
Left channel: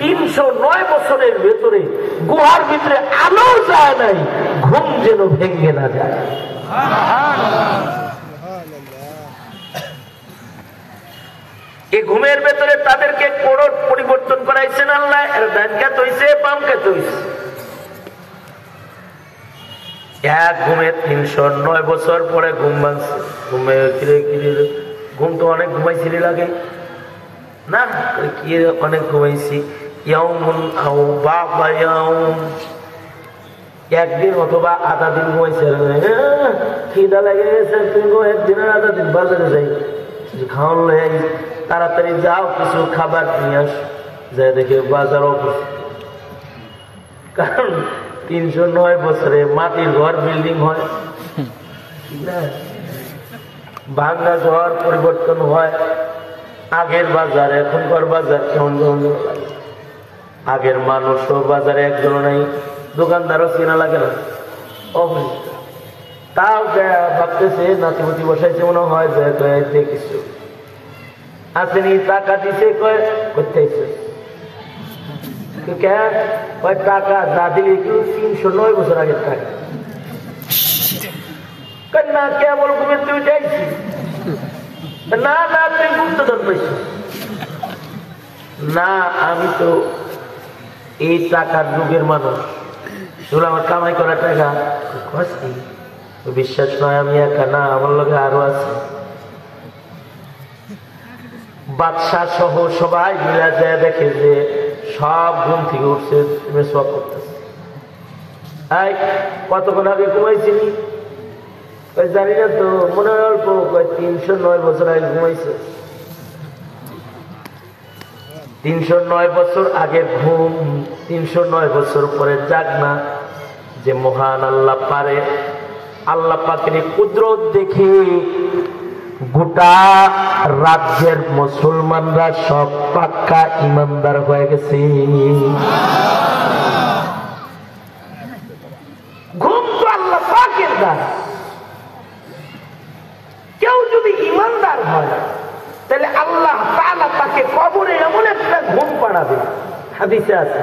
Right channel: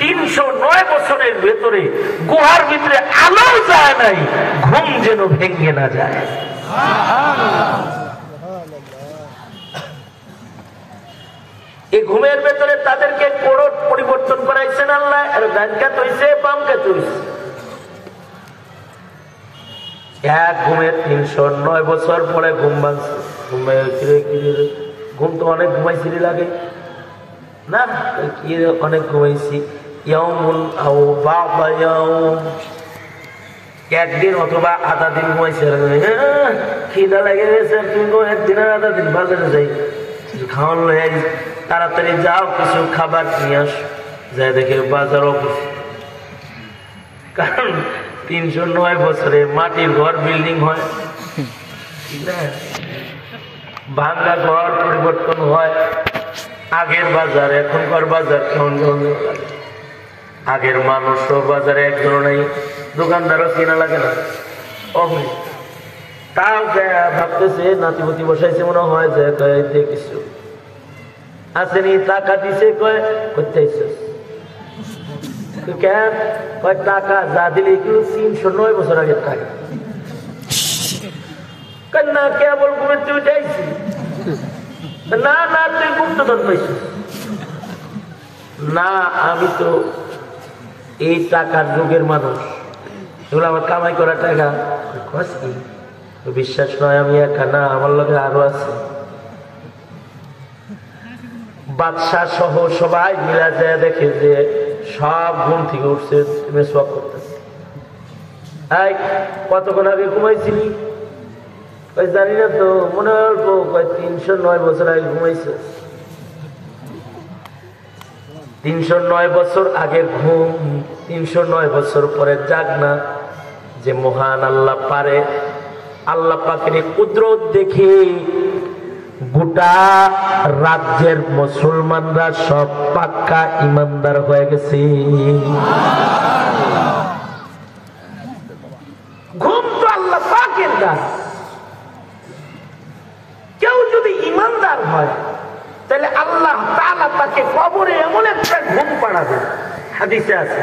309 বছরের ভেতরে গুহার ভিতরে আলো যায় নাই, ঘুম যেন ভেঙে না যায়। এই ঘুমের ভেতরে তাদেরকে কোনো পরিবর্তন করাইছেন আল্লাহ। ডান কাত হইছে, বাম কাত হইছে। এক ঘুমে 309 বছর পরে ঘুম ভাঙছে। ঘুমে ঘুম তো অনেক ঘুমাইছিলি লাগে না, কি অনেক ঘুমাইছি। একদিন অথবা আধা দিন ঘুমাইছে, খিদা লেগে গেছে, একদিনের আধা দিন বাজারে যাই, খাওয়ান লয়ে তাড়াতাড়ি যাও, কিছু খাবার নিয়ে আস। যাই দেখে বাজার অফিস, কারণ 309 বছরে মাটির ঘর বিল্ডিং হয়, ভাঙ্গা ঘর পরিবর্তন হয়। আগের বাজার এখনকার বাজার কেমন কেমন লাগে। আগের মানুষও বাজারে একজন নাই, দোকানদারও চেনা লাগে না। তাও ভাবতেছে নাতিপুতি বসাইছে মনে হয়, যে কিছু আসেনি, টাকা দিছে, কয় করতে টাকা যা দিলি তুই 309 বছর আগের টাকা না, কেবল ঘুমের তুমি চাইছি না, না তুই গুপ্তধন পাইছিস না, আমি তো এই টাকার যুগের মানুষ, তোর আমার কামাই করা টাকা। বিশ্বাস নয় আমি একা না, আমার লোকে আরো আছে। বাদশাহ সহ সবাই মিলা যায়, দেখে যে সব ঘুম থেকে উঠছে, মেসওয়াক করতেছে। এই কতক্ষণ আগে ঘুমাইছিলি? জানি না তো, মনে অল্প। 309 বছর আগে ঘুমাইছে। 309 বছর আগে ঘুম, 309 বছর পরে জাগ না। যে মহান আল্লাহ পারে, আল্লাহ পাকের কুদরত দেখে গোটা রাজ্যের মুসলমানরা সব পাক্কা ইমানদার হয়ে গেছে। ঘুম তো আল্লাহ পাকের দান। কেউ যদি ইমানদার হয় তাহলে আল্লাহ তাআলা তাকে কবরে এমন একটা ঘুম পাড়াবে। হাদিসে আছে,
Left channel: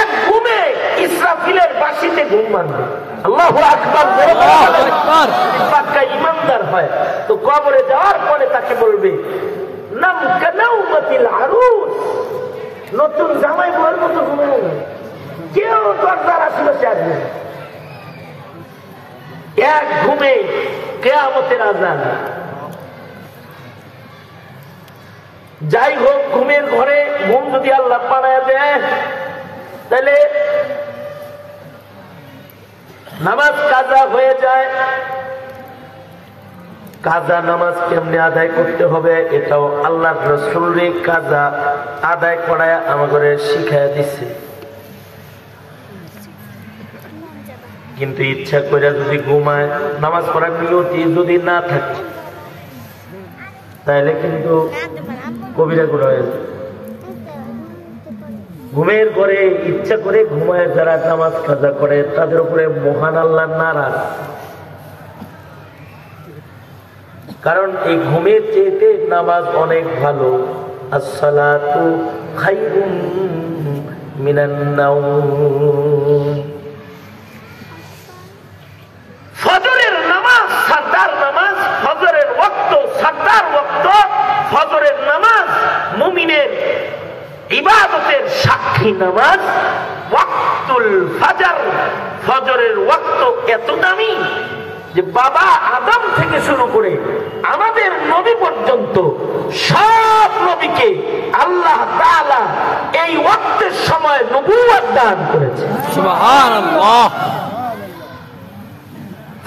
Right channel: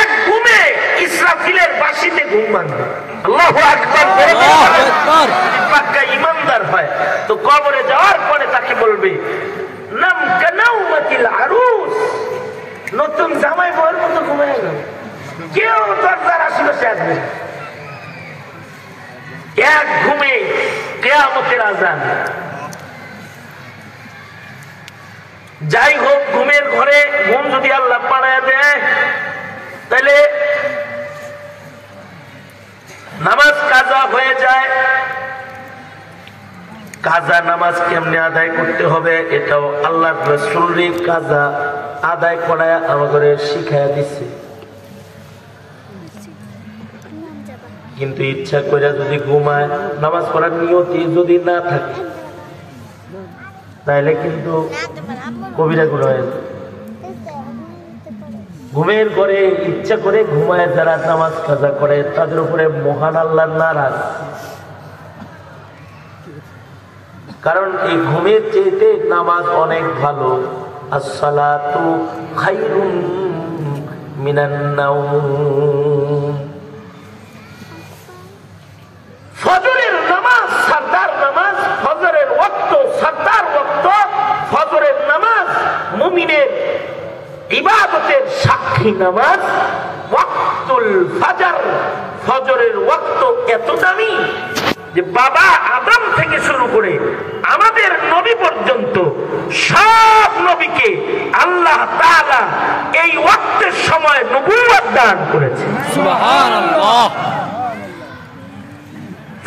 এক ঘুমে ইসরাফিলের বাঁশিতে ঘুম ভাঙবে। আল্লাহু আকবার। পাক্কা ইমানদার হয় তো কবরে যাওয়ার পরে তাকে বলবে নাম কানাউমাতিল আরুস, নতুন জামাই বউয়ের মতো ঘুমিয়ে গেল। কেউ দরজার আশেপাশে আসবে। এক ঘুমে কিয়ামতের আযান। যাই হোক, ঘুমের ঘরে ঘুম যদি আল্লাহ পাড়ায় দেয় তাহলে নামাজ কাজা হয়ে যায়। কাজা নামাজ কেমনে আদায় করতে হবে এটাও আল্লাহ রাসূল কাজা আদায় করায় আমাদের শিখাইয়া দিচ্ছে। কিন্তু ইচ্ছা করে যদি ঘুমায়, নামাজ পড়ার নিয়তি যদি না থাকে, তাহলে কিন্তু কবিরা গুনাহ হয়ে যায়। ঘুমের ঘরে ইচ্ছা করে ঘুমায় যারা নামাজ কাজা করে, তাদের উপরে মহান আল্লাহ নারাজ। কারণ এই ঘুমের চেয়ে নামাজ অনেক ভালো। আসসালাতু খায়রুম মিনান নাওম। ফজরের নামাজ সরদার নামাজ, ফজরের ওয়াক্ত সরদার ওয়াক্ত। ফজরের নামাজ মুমিনের ইবাদতের সাক্ষী নামাজ। ওয়াক্তুল ফজর, ফজরের ওয়াক্ত এত দামি যে বাবা আদম থেকে শুরু করে আমাদের নবী পর্যন্ত সব নবীকে আল্লাহ তাআলা এই ওয়াক্তের সময় নবুয়ত দান করেছে। সুবহানাল্লাহ।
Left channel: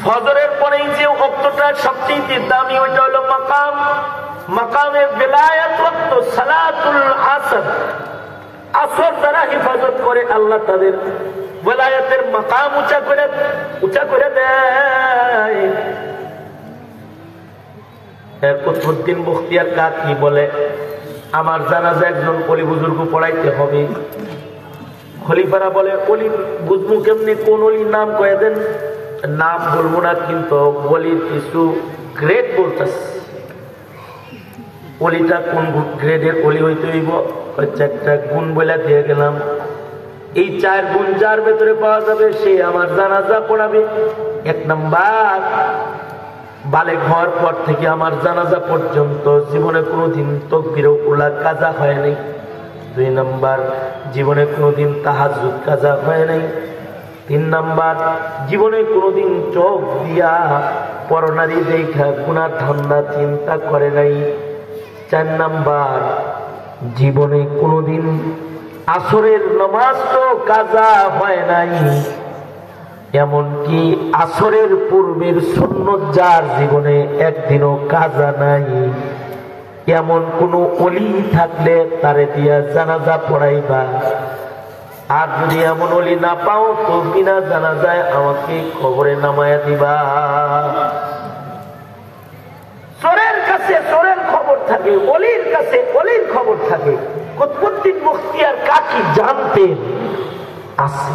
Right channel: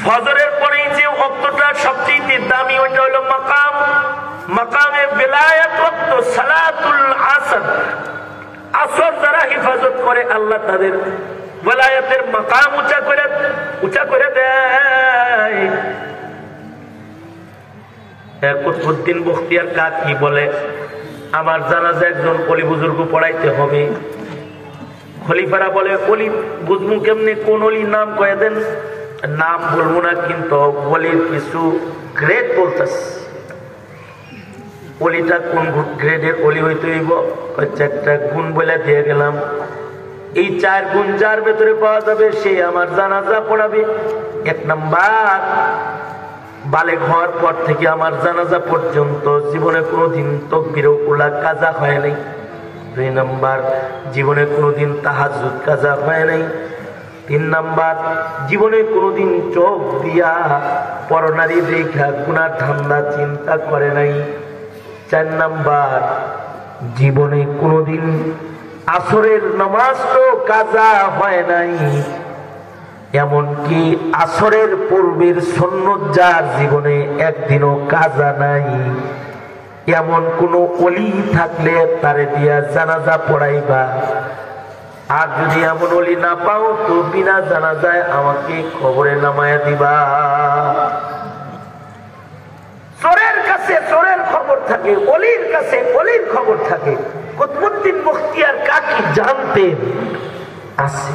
ফজরের পরেই যে ওয়াক্তটা সবচেয়ে দামি, ওইটা হলো মাকাম। মাকামে বিলায়াত ওয়াক্ত সালাতুল আসর। আসর যারা হিফাজত করে আল্লাহ তাদের ওয়ালায়াতের মাকাম উঁচা করে দেয়। কুতুবউদ্দিন বখতিয়ার কাকি বলে, আমার জানাজা একজন অলি বুজুর্গ পড়াইতে হবে। খলিফারা বলে, অলি বুঝমু কেমনে, কোন অলির নাম কয়ে দেন। নাম বলবো না, কিন্তু ওলির কিছু গ্রেড বলতেছে। ওলিটা কোন গ্রেডের ওলি হইতে হইব, 4টা গুণ বলে দিয়ে গেলাম। এই 4 গুণ যার ভেতরে পাওয়া যাবে সে আমার জানাজা পড়াবে। 1 নাম্বার, বালেগ হওয়ার পর থেকে আমার জানাজা পর্যন্ত জীবনে কোনোদিন তাকবীরে উলা কাজা হয় নাই। 2 নাম্বার, জীবনে কোনোদিন তাহাজ্জুদ কাজা হয় নাই। 3 নাম্বার, জীবনে কোনোদিন চোখ দিয়া পরনারী দেখা গুনার ধান্দা চিন্তা করে নাই। 4 নাম্বার, জীবনে কোনোদিন আসরের নামাজ তো কাজা হয় নাই। এমনকি আসরের পূর্বের সুন্নত যার জীবনে একদিনও কাজা নাই, এমন কোন ওলি থাকলে তারে দিয়া জানাজা পড়াইবা। আর যদি এমন ওলি না পাও তো বিনা জানাজায় আমাকে কবরে নামায়া দিবা। চোরের কাছে চোরের খবর থাকে, অলির কাছে অলির খবর থাকে। কুতুবউদ্দিন মুখতিয়ার কাকি জানতেন আছে।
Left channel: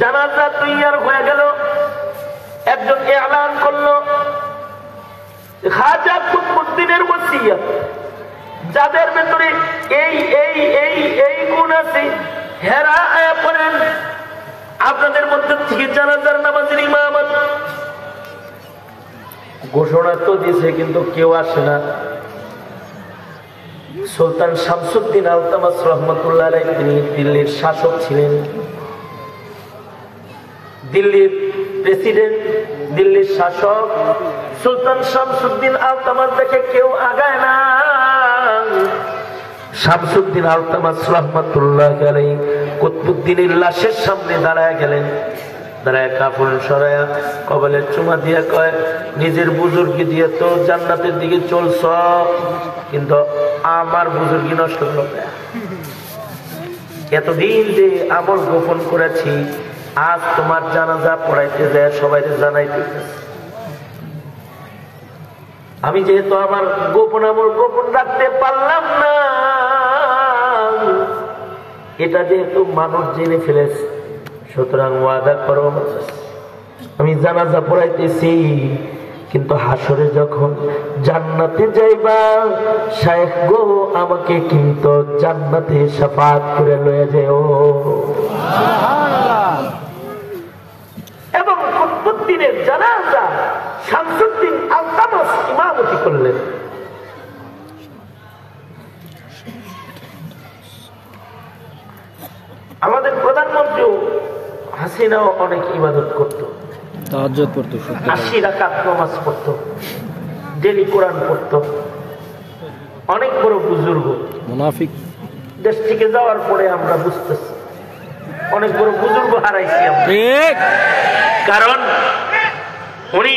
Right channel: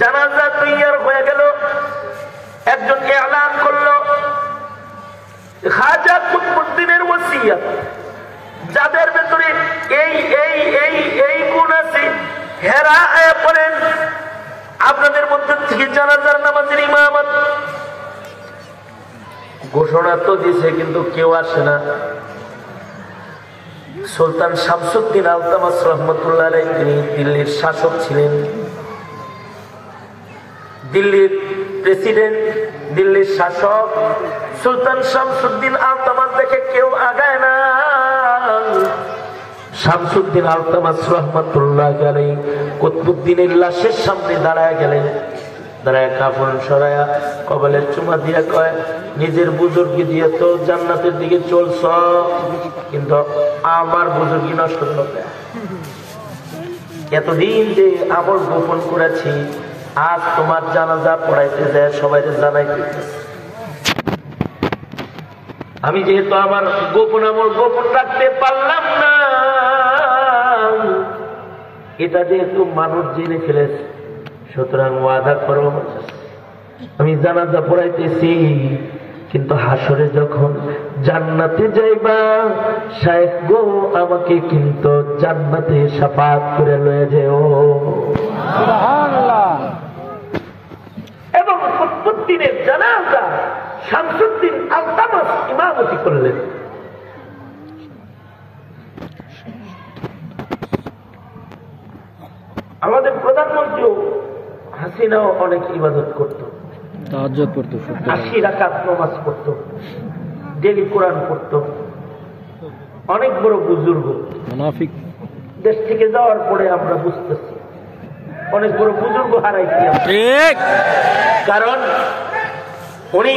জানাজা তৈয়ার হয়ে গেল, একজন এলান করলো খাজা কুতুবউদ্দিনের ওসিয়ত, যাদের ভেতরে এই এই এই এই গুণ আছে হেরা হয়ে পড়েন, আপনাদের মধ্যে থেকে জানাজার নামাজের ইমামত। ঘোষণা তো দিছে কিন্তু কেউ আসে না। সুলতান শামসুদ্দিন আলতামাস রহমতুল্লাহ আলাইহি, তিনি দিল্লির শাসক ছিলেন, দিল্লির প্রেসিডেন্ট, দিল্লির শাসক। সুলতান শামসুদ্দিন আলতামাস দেখে কেউ আগায় না। শামসুদ্দিন আলতামাস রহমতুল্লাহ আলাইহি কুতুবউদ্দিনের লাশের সামনে দাঁড়ায় গেলেন। দাঁড়ায় কাফন সরায়া কবলে চুমা দিয়ে কয়, নিজের বুজুর্গি দিয়ে তো জান্নাতের দিকে চলছ, কিন্তু আমার বুজুর্গি নষ্ট করল। এতদিন যে আমল গোপন করেছি, আজ তোমার জানাজা পড়াইতে যায় সবাই জানাইতে। আমি যেহেতু আমার গোপন আমল গোপন রাখতে পারলাম না, এটা যেহেতু মানুষ জেনে ফেলেছে, সুতরাং ওয়াদা করো আমি জানাজা পড়াইতেছি, কিন্তু হাসরে যখন জান্নাতে যাইবা শায়েখ গো আমাকে কিন্তু জান্নাতে শাফাত করে লয়ে যাও। এবং কুতুবউদ্দিনের জানাজা শামসুদ্দিন আলতামাস ইমামতি করলেন। আমাদের প্রধানমন্ত্রী হাসিনাও অনেক ইবাদত করত, তাহাজ্জুদ পড়তো, 80 রাকাত নামাজ পড়তো, ডেলি কোরআন পড়তো। অনেক বড় বুজুর্গ, মুনাফিক। দেশ থেকে যাওয়ার পরে আমরা বুঝতেছি অনেক বড় বুজুর্গ হারাইছি আমরা। ঠিক, কারণ উনি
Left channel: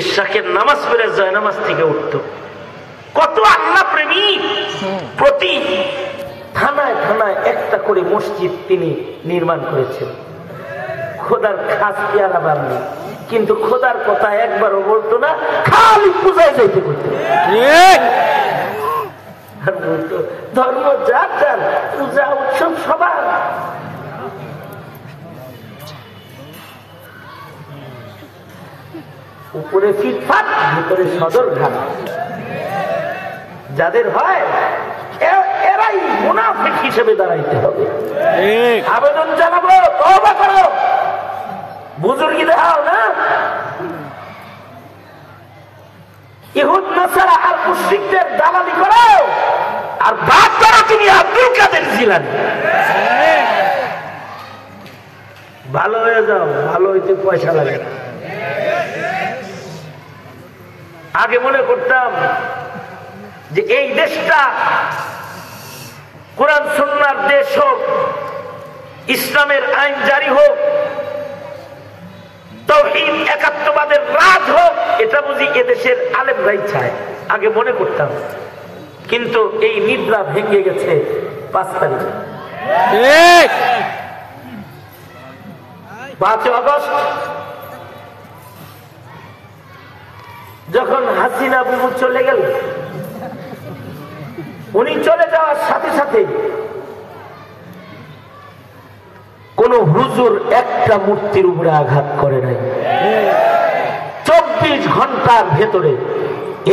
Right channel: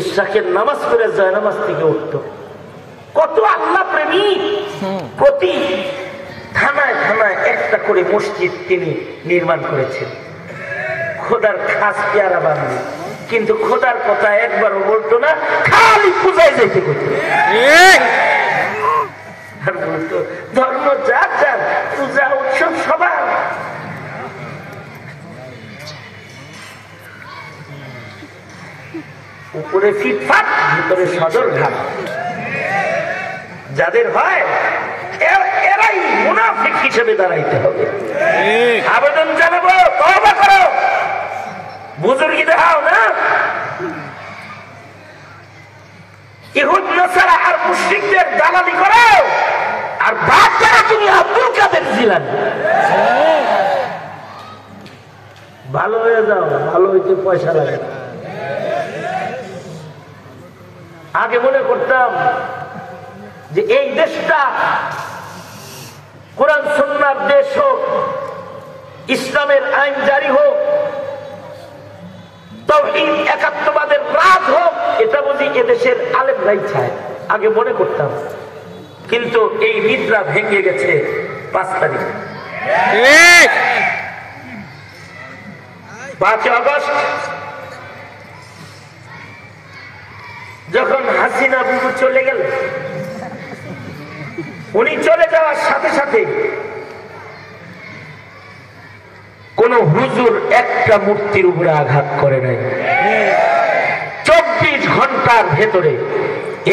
ইশরাকের নামাজ পড়ে যায় নামাজ থেকে উঠত। কত আল্লাহ প্রেমিক, প্রতি থানায় থানায় একটা করে মসজিদ তিনি নির্মাণ করেছেন। খোদার খাস পেয়ারা বান্ধব, কিন্তু খোদার কথা একবারও বলতো না, খালি পূজায় যেতে করতো। ধর্ম যার যার, পূজা উৎসব সবার। উপরে ফিটফাট, ভিতরে সদর ঘাট। যাদের হয় এরাই মুনাফিক হিসেবে দাঁড়াইতে হবে। আবেদন জানাবো, তওবা করো, বুজুর্গি দেখাও না। ইহুদ নাসারা আর মুশরিকদের দালালি করো, আর বাদ করো তুমি আব্দুল কাদের জিলানী। ভালো হয়ে যাও, ভালো হইতে পয়সা লাগে। আগে মনে করতাম যে এই দেশটা কোরআন সুন্নাহর দেশ হোক, ইসলামের আইন জারি হোক, তাওহীদ একাত্মবাদের রাজ হোক, এটা বুঝি এদেশের আলেমরাই চায়, আগে মনে করতাম। কিন্তু এই নিদ্রা ভেঙে গেছে 5 তারিখে। 5 আগস্ট যখন হাসিনা বুবু চলে গেল, উনি চলে যাওয়ার সাথে সাথে কোন হুজুর একটা মূর্তির উপরে আঘাত করে নাই। 24 ঘন্টার ভেতরে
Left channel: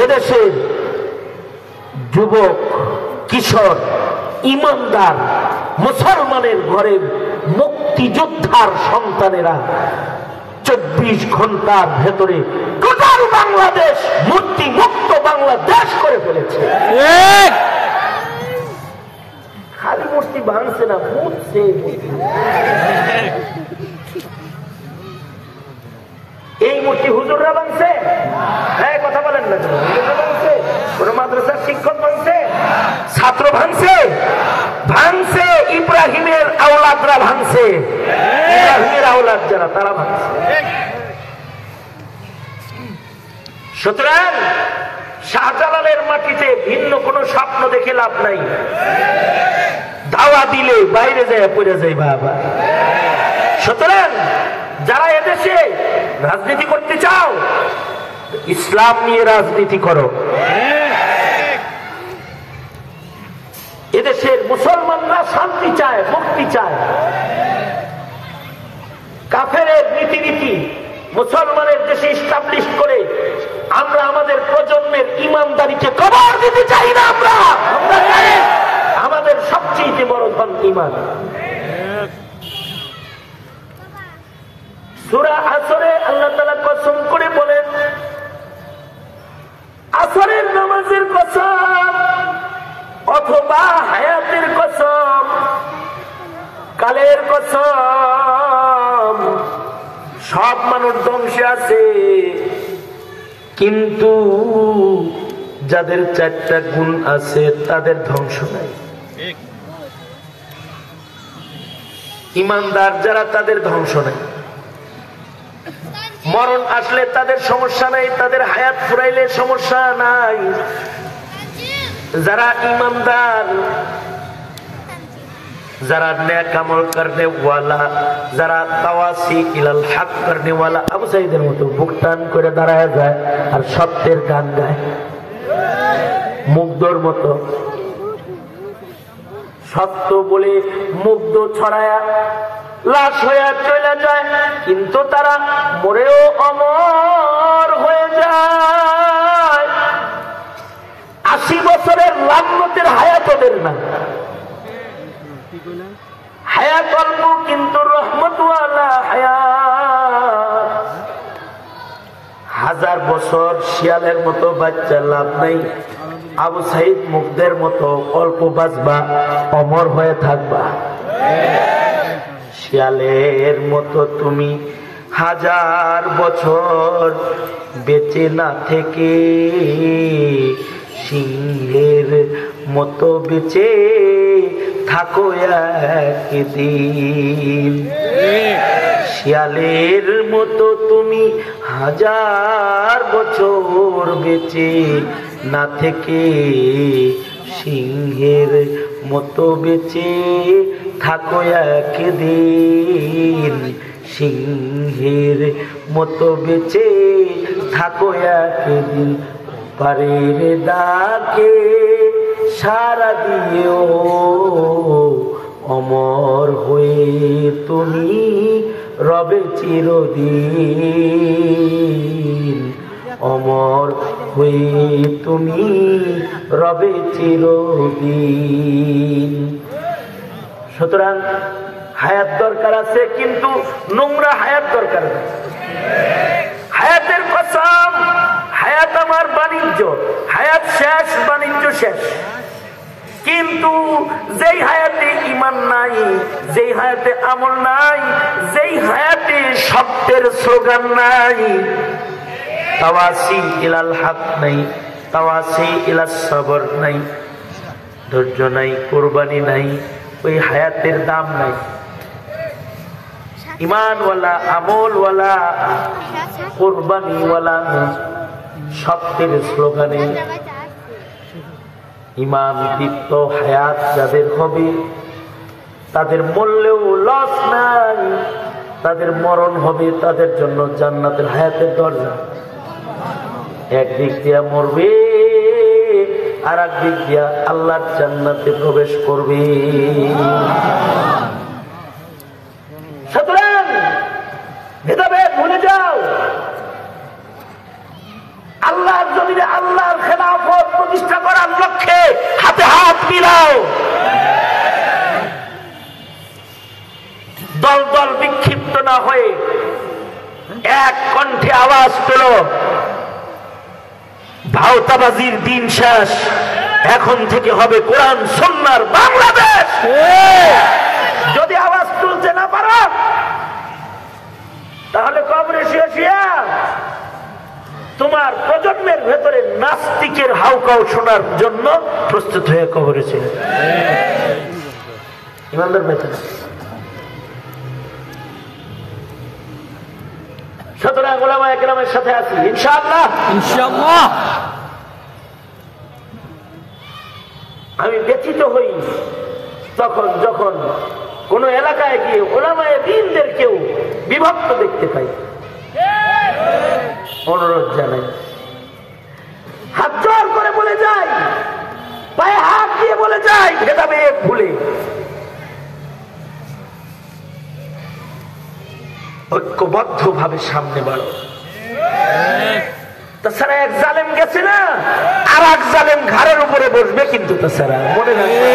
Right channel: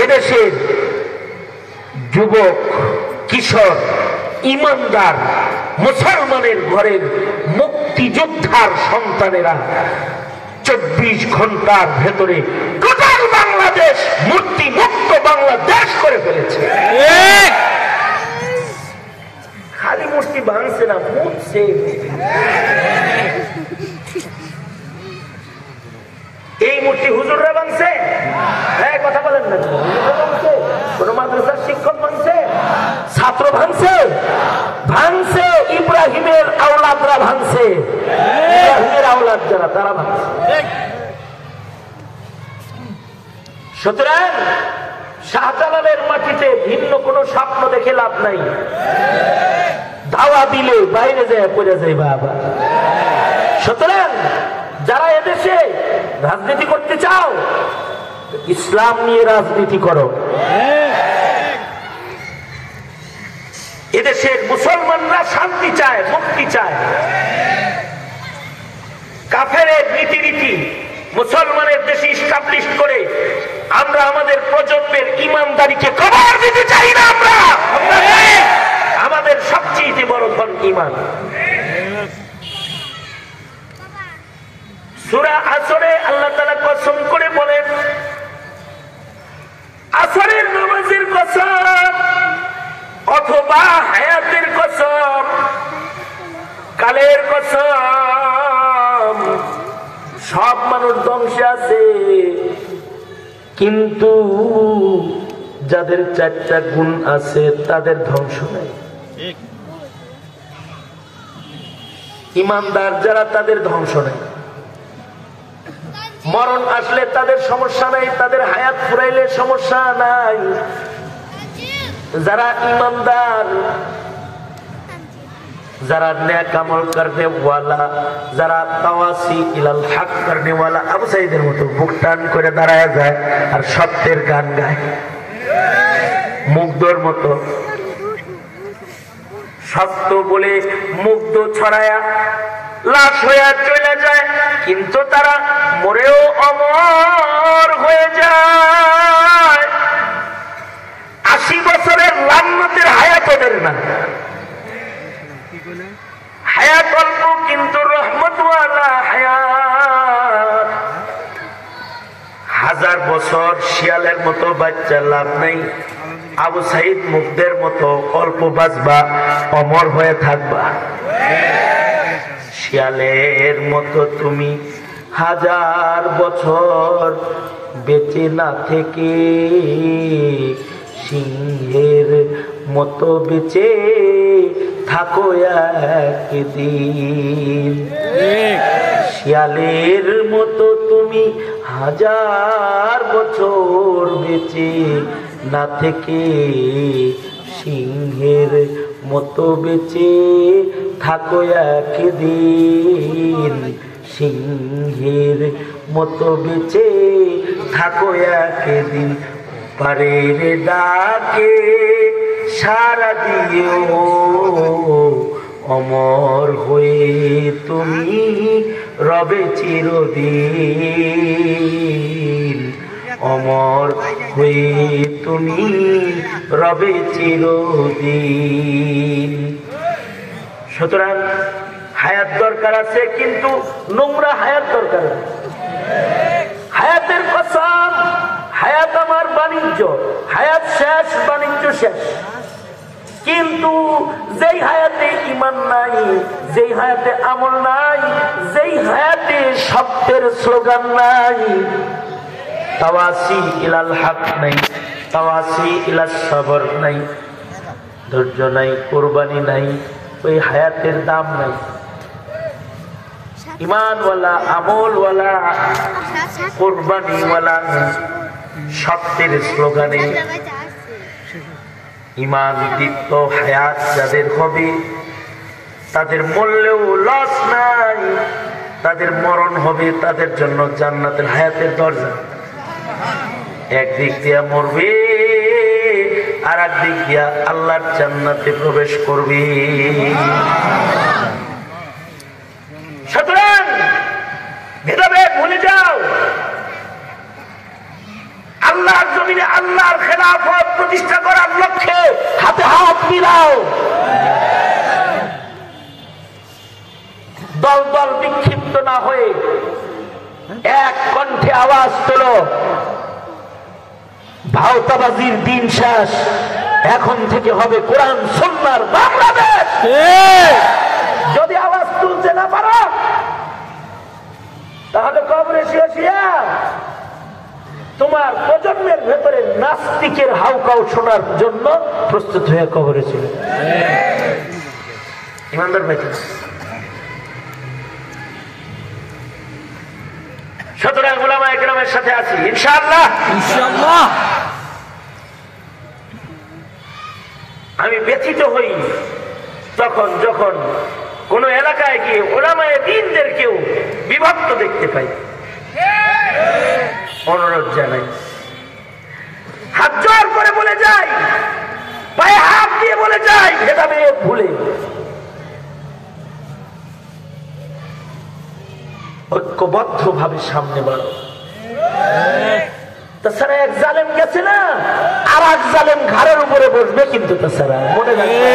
এদেশের যুবক, কিশোর, ইমানদার মুসলমানের ঘরের মুক্তিযোদ্ধার সন্তানেরা 24 ঘন্টার ভেতরে টোটাল বাংলাদেশ মূর্তি মুক্ত বাংলাদেশ করে ফেলেছে। খালি মূর্তি ভাঙছে না, মুছছে। এই মূর্তি হুজুররা ভাঙছে? হ্যাঁ, কথা বলেন না। হুজুররা ভাঙছে? কোন মাদ্রাসার শিক্ষক ভাঙছে? ছাত্র ভাঙছে? ভাঙছে ইব্রাহিমের আওলাদরা ভাঙছে। ইব্রাহিমের আওলাদ যারা, তারা ভাঙছে। সুতরাং শাহজালালের মাটিতে ভিন্ন কোন স্বপ্ন দেখে লাভ নাই। দাওয়া দিলে বাইরে যায় পড়ে যায় বাবা। সুতরাং যারা এদেশে রাজনীতি করতে চাও, ইসলাম নিয়ে রাজনীতি করো। এদেশের মুসলমানরা শান্তি চায়, মুক্তি চায়। কাফেরের রীতিনীতি মুসলমানের দেশে ইস্টাবলিশ করে আমরা আমাদের প্রজন্মের ইমানদারিকে কবর দিতে চাই না। আমরা আমাদের সবচেয়ে বড় ধন ঈমান। সূরা আসরে আল্লাহ তাআলা কসম করে বলেন, আসরের নামাজের কসম অথবা হায়াতের কসম, কালের কসম, সব মানুষ ধ্বংসে আছে, কিন্তু যাদের 4টা গুণ আছে তাদের ধ্বংস নাই। ইমানদার যারা, তাদের ধ্বংস নাই। মরণ আসলে তাদের সমস্যা নাই, তাদের হায়াত ফুরাইলে সমস্যা নাই। যারা ইমানদার, যারা নেক আমল করনে ওয়ালা, যারা তাওয়াসি ইলাল হক করনে ওয়ালা, আবু সাইদের মতো বুক টান করে দাঁড়ায় যায় আর সত্যের গান গায়, মুগ্ধর মতো সত্য বলে মুগ্ধ ছড়ায়া লাশ হয়ে চলে যায়, কিন্তু তারা মরেও অমর হয়ে যায়। 80 বছরের লান্নতের হায়াত এদের না। হায়াত অল্প কিন্তু রহমতওয়ালা হায়াত। 1000 বছর শিয়ালের মতো বাচ্চা লাভ নেই। আবু সাইদ মুগ্ধের মতো অল্প বাঁচবা, অমর হয়ে থাকবা। শিয়ালের মতো তুমি 1000 বছর বেঁচে না থেকে সিংহের মতো বেঁচে থাকো একদিন। শিয়ালের মতো তুমি 1000 বছর বেঁচে না থেকে সিংহের মতো বেঁচে থাকো একদিন। সিংহের মতো বেঁচে থাকো একদিন। পারের ডাকে সারা দিও, অমর হয়ে তুমি রবে চিরদিন। অমর হয়ে তুমি রবে চিরদিন। সুতরাং হায়াত দরকার আছে, কিন্তু নোংরা হায়াত দরকার আছে। হায়াতের কসম, হায়াত আমার বাণিজ্য, হায়াত শেষ, বাণিজ্য শেষ। কিন্তু যেই হায়াতে ঈমান নাই, যেই হায়াতে আমল নাই, যেই হায়াতে সত্যের স্লোগান নাই, তাওয়াসি ইলাল হক নাই, তাওয়াসি ইলাস সবর নাই, ধৈর্য নাই, কুরবানি নাই, ওই হায়াতের দাম নাই। ঈমানওয়ালা, আমলওয়ালা, কুরবানিওয়ালা সত্যের স্লোগানে ঈমান দীপ্ত হায়াত যাদের হবে, তাদের মরলেও লস নাই, তাদের মরণ হবে তাদের জন্য জান্নাতের হায়াতের দরজা। একদিক দিয়া মরবে, আর একদিক দিয়া আল্লাহর জান্নাতে প্রবেশ করবে। প্রতিষ্ঠা করার লক্ষ্যে হাতে হাত মিলাও, দল দল বিক্ষিপ্ত না হয়ে এক কণ্ঠে আওয়াজ তোলো, ভাওতাবাজির দিন শেষ, এখন থেকে হবে কোরআন সুন্নাহর বাংলাদেশ। যদি আওয়াজ তুলতে না পারো তাহলে কবরে শুয়ে শুয়ে তোমার প্রজন্মের ভেতরে নাস্তিকের হাউকাউ শোনার জন্য প্রস্তুত হয়ে কবরে ছিল। ইমানদার ভাই, সুতরাং উলামায়ে কেরামের সাথে আছি ইনশাআল্লাহ। ইনশাআল্লাহ। আমি ব্যথিত হই তখন যখন কোন এলাকায় গিয়ে উলামায়ে দ্বীনদের কেউ বিভক্ত দেখতে পাই। অনুরোধ জানাই, হাত জোর করে বলে যাই, পায়ে হাত দিয়ে বলে যাই, ভেদাভেদ ভুলে ঐক্যবদ্ধ ভাবে সামনে বাড়ো। তাছাড়া এক জালেম গেছে না, আর এক জালেম ঘাড়ের উপরে বসবে, কিন্তু তাছাড়া মনে রাখবে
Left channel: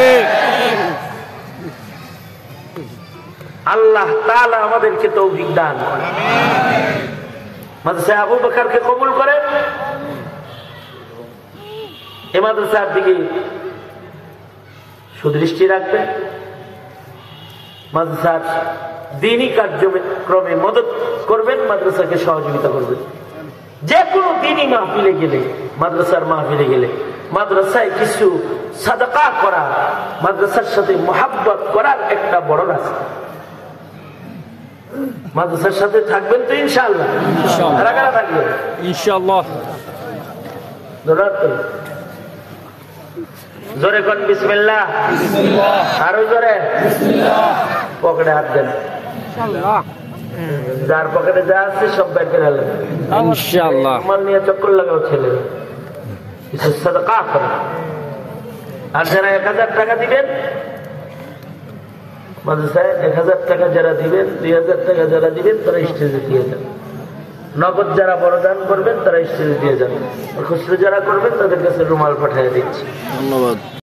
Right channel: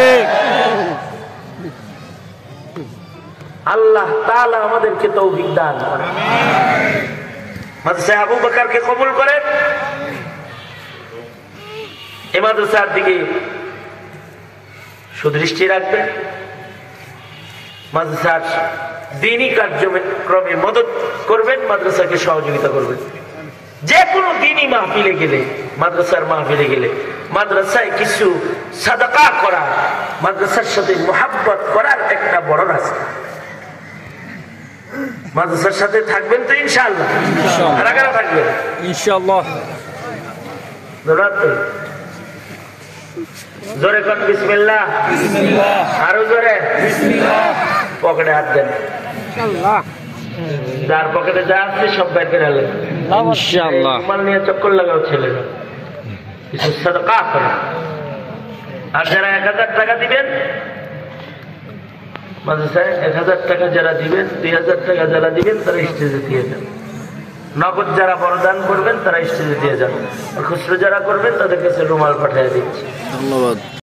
আল্লাহ তাআলা আমাদেরকে তৌফিক দান করেন। মাদ্রাসা আবু বকরকে কবুল করেন। এই মাদ্রাসার দিকে সুদৃষ্টি রাখবেন, মাদ্রাসার দ্বীনি কার্যক্রমে মদত করবেন, মাদ্রাসাকে সহযোগিতা করবেন। যে কোনো দ্বীনি মাহফিলে গেলে, মাদ্রাসার মাহফিলে গেলে মাদ্রাসায় কিছু সাদাকা করা, মাদ্রাসার সাথে মুহাব্বত করার একটা বড় রাস্তা। মাদ্রাসার সাথে থাকবেন তো ইনশাআল্লাহ? কারা কারা থাকবেন ইনশাআল্লাহ? জোরে কোন বিসমিল্লাহ। আরো জোরে পকেটে হাত দেন, যার পকেটে যা আছে সব বের করে আনলেন ইনশাআল্লাহ। মাল নিয়ে চক্কর লাগাও ছেলেরা, কিছু সাদাকা করে। আর যারা 1000 টাকা দিবেন মাদ্রাসায়, 1000 টাকা যারা দিবেন, 2000 টাকা যারা দিবেন তারা স্টেজে দিয়ে দেন। নগদ যারা বড়দান করবেন তারা স্টেজে দিয়ে যাবেন। খুচরো যারা করবেন তাদের কাছে রুমাল পাঠিয়ে দিচ্ছি। ধন্যবাদ।